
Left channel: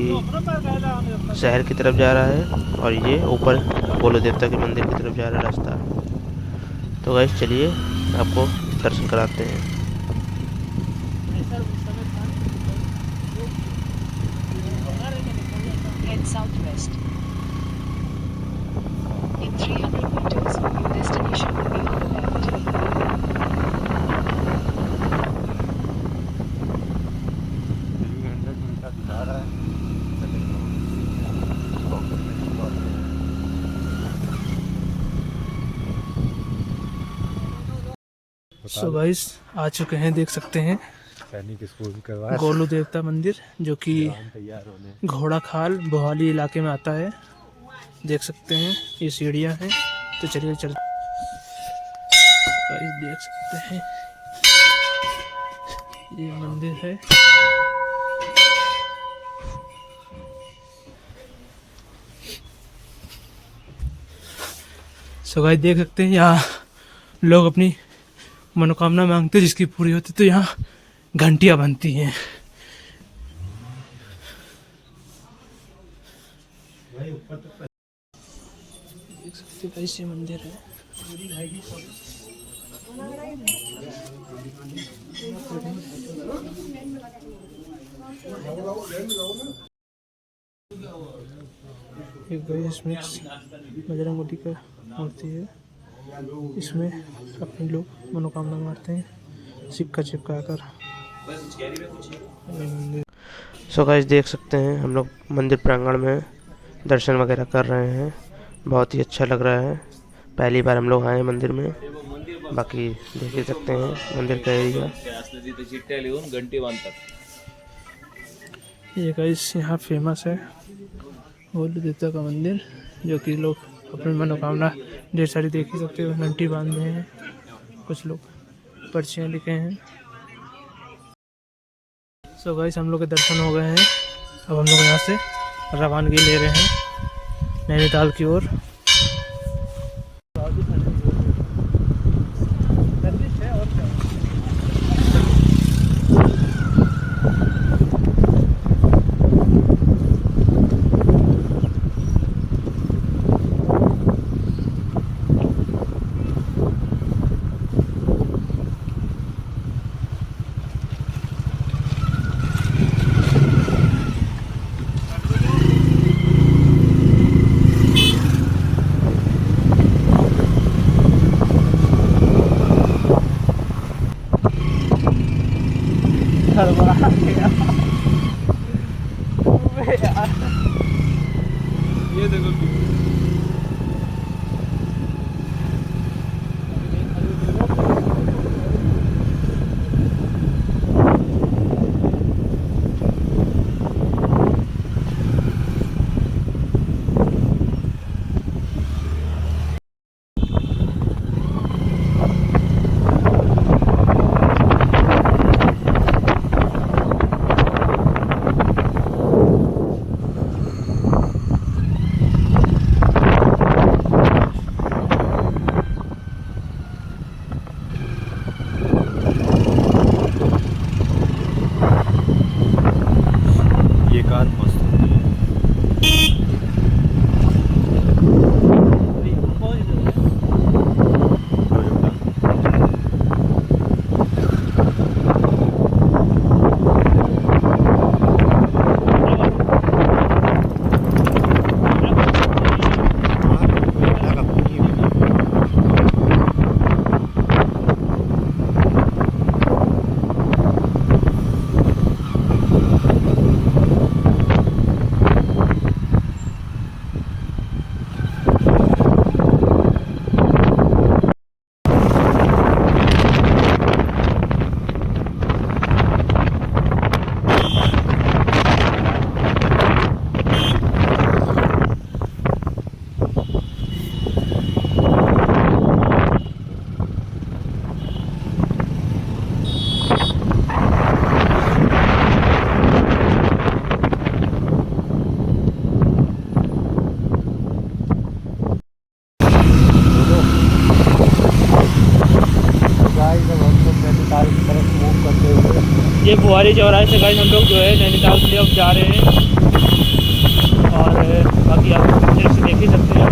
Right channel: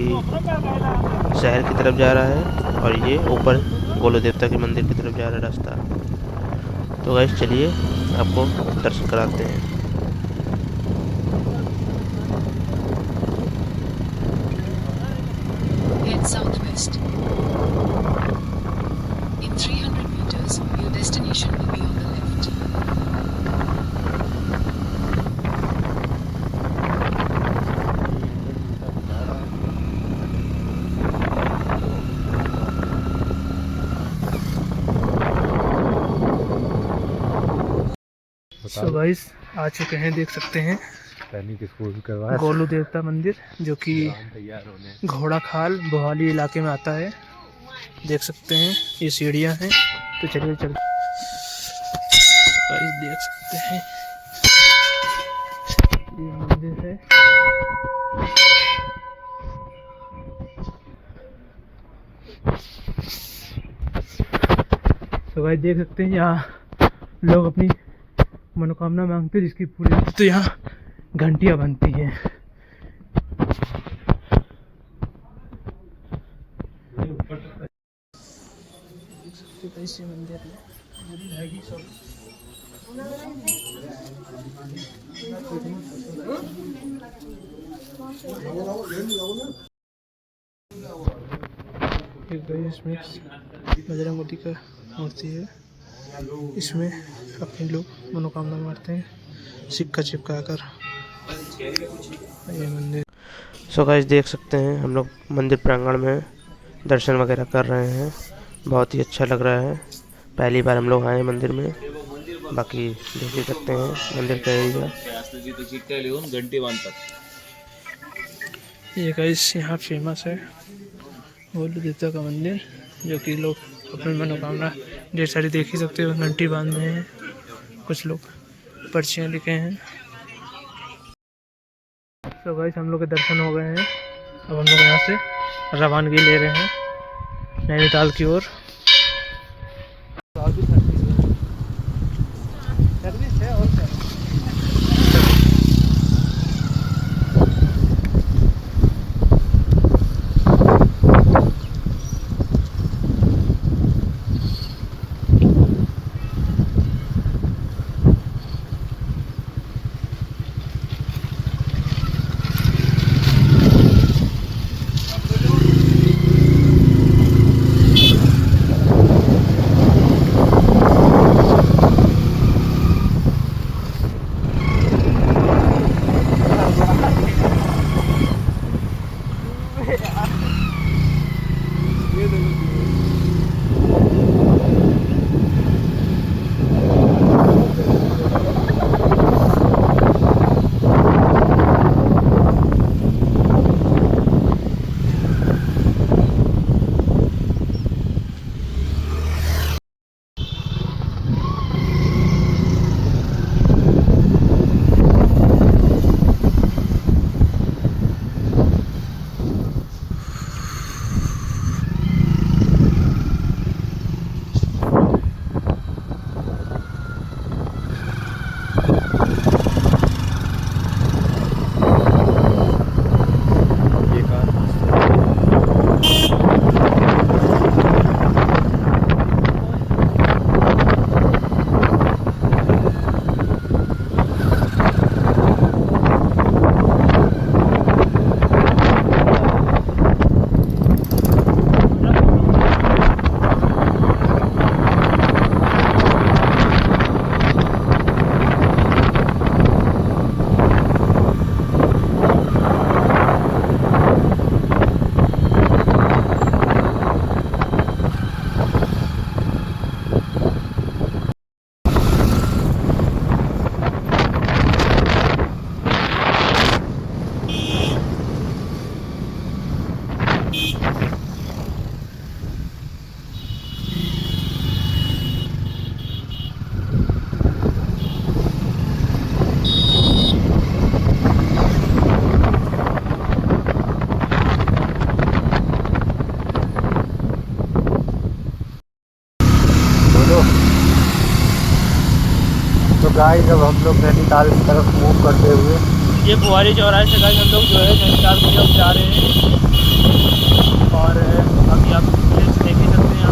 शहर की तरफ जा रहा है और ये ऊपर गोलू देवता के मंदिर की तरफ जा रहा है रास्ता। तो गाइस चलिए आपको दर्शन कराते हैं। Head southwest. In 300 meters, your destination will be on the left. 300 metre जा रहा है। सो गाइस आ चुके हैं, देख सकते हैं सैनिक स्कूल के बाद गोलू देवता मंदिर जो कि तैयार होने। घोड़ा खाल बोहाली इलाके में आता है। देख सकते हैं ये सीढ़ियाँ हैं, तो चलिए चल गाइस देख सकते हैं ये मंदिर है। सो गाइस देख सकते हैं यहाँ लोग अपनी मनोकामना मांगते हैं, जिसकी पूरी होती तो यहाँ घंटियाँ बनती हैं। देख सकते हैं कैसे मंदिर है। इसमें बजरंगबली का मूर्ति है। इसमें अपने लोग मनोकामना मारते हैं सिक्का चिपका कर। ये मंदिर। सो गाइस देख सकते हैं हम लोग मंदिर प्रांगण में दर्शन वगैरह कर रहे हैं। बहुत ही अच्छा लग रहा है। पहली बार हम लोग आए मंदिर में। बाकी देख ही सकते हैं मंदिर का एरिया। ये गाइस यहाँ फेमस है भोले देवता का मंदिर, जो कि लोग अपनी मनोकामना ढेर सारी देख ही सकते हो। घंटी बांधे हैं, कुछ लोग पर्चियाँ लिखे हैं। सो गाइस हम लोग के दर्शन हो गए हैं। अब हम लोग यहाँ से रवानगी ले रहे हैं नैनीताल की ओर। गाइस जब हम लोग नैनीताल की तरफ मूव करते हुए ये बुआरी चौराहे से गाइस हम लोग जो है नैनीताल की तरफ जा रहे हैं। और बाकी आप फिर से देख ही सकते हैं।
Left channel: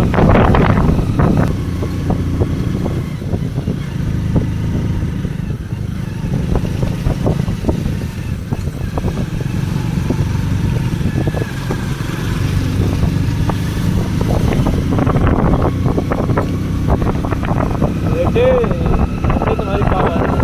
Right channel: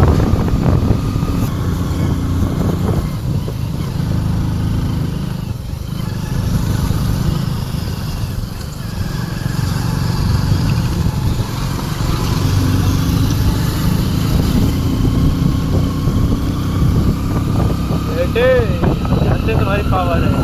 ऐसे तुम्हारी पावर है।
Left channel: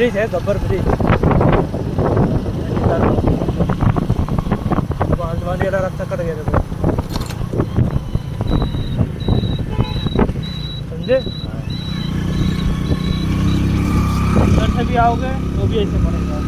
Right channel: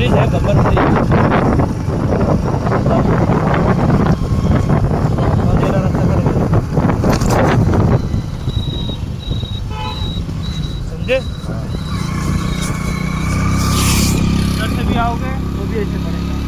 ब्रिज है, गब्बर ब्रिज। वगैरह रखा कर समझे। अंदर से भी आओगे वो भी ऐसे करेगा।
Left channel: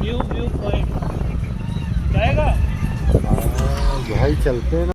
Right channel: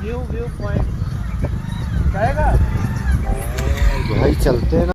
व्यू पॉइंट जाएगा भाई चलते हैं ना।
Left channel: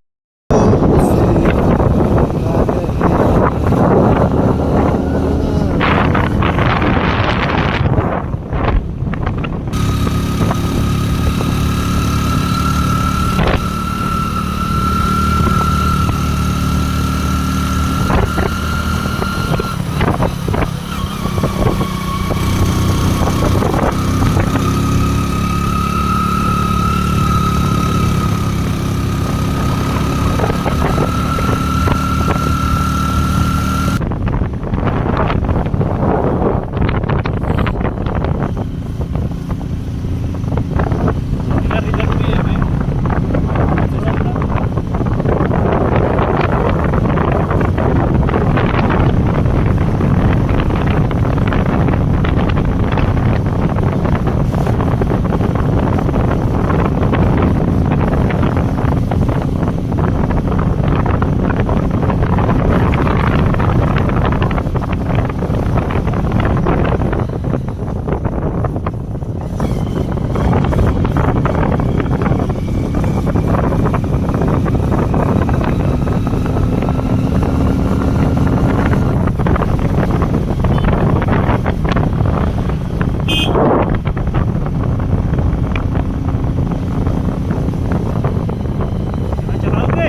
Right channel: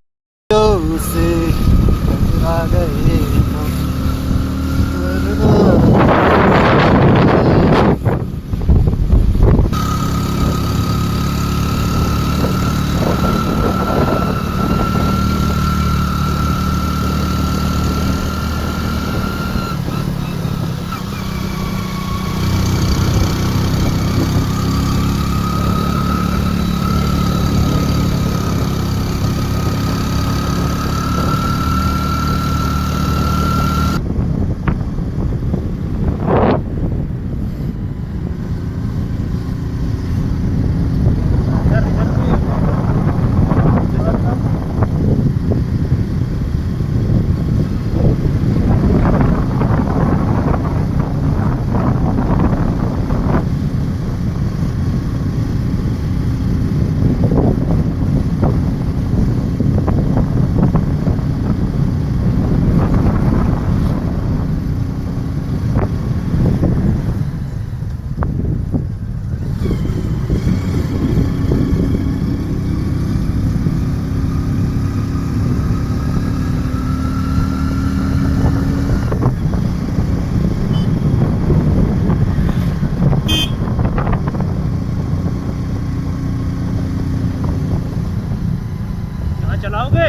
चलाओगे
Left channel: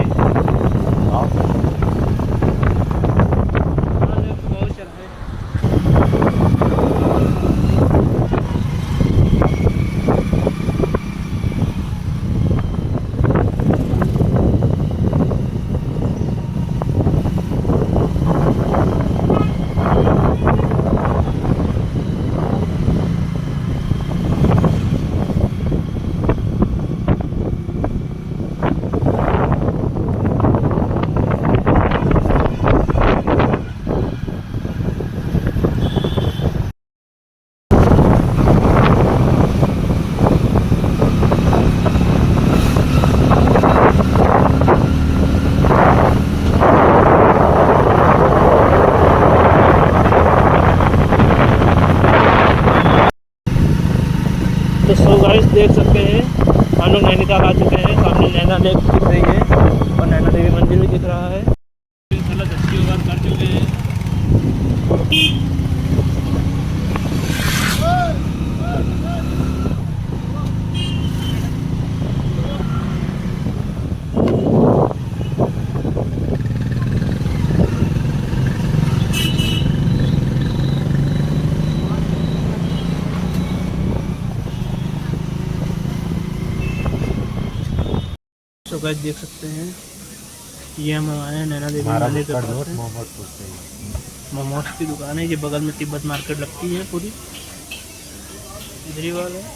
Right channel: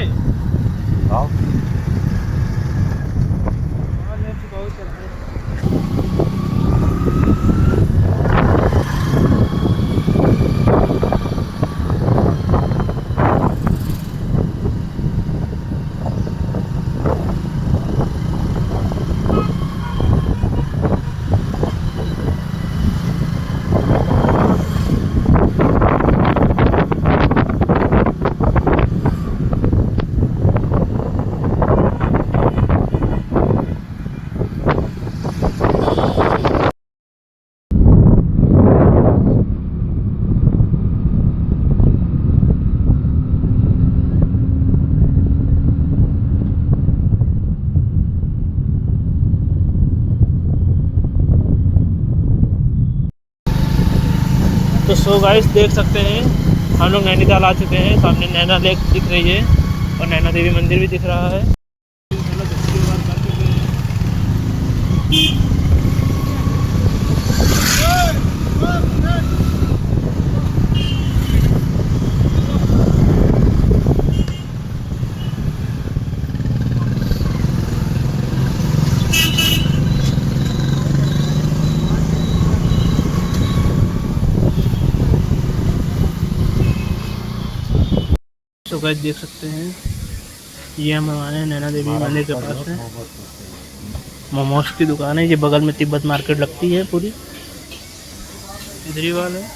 आप बहुत चलाए। तो सो गाइस देख सकते हैं हम लोग नैनीताल आ चुके हैं। सामने नैना लेक दिख रही है और नैना देवी मंदिर भी दिख रहा है। तो गाइस देख सकते हैं ये हम आए हैं नैना देवी मंदिर के पास है। मोमोज की दुकान है। ये बगल में तिब्बत मार्केट लगती है पूरी, इधर ही वाला है।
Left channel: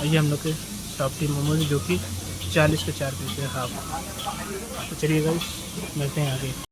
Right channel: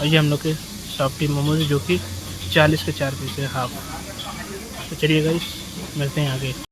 और ये हम लोग के सॉफ्टी मोमोज जो कि 40 के 4 पीस है हाफ। तो चलिए गाइस मिलते हैं आगे।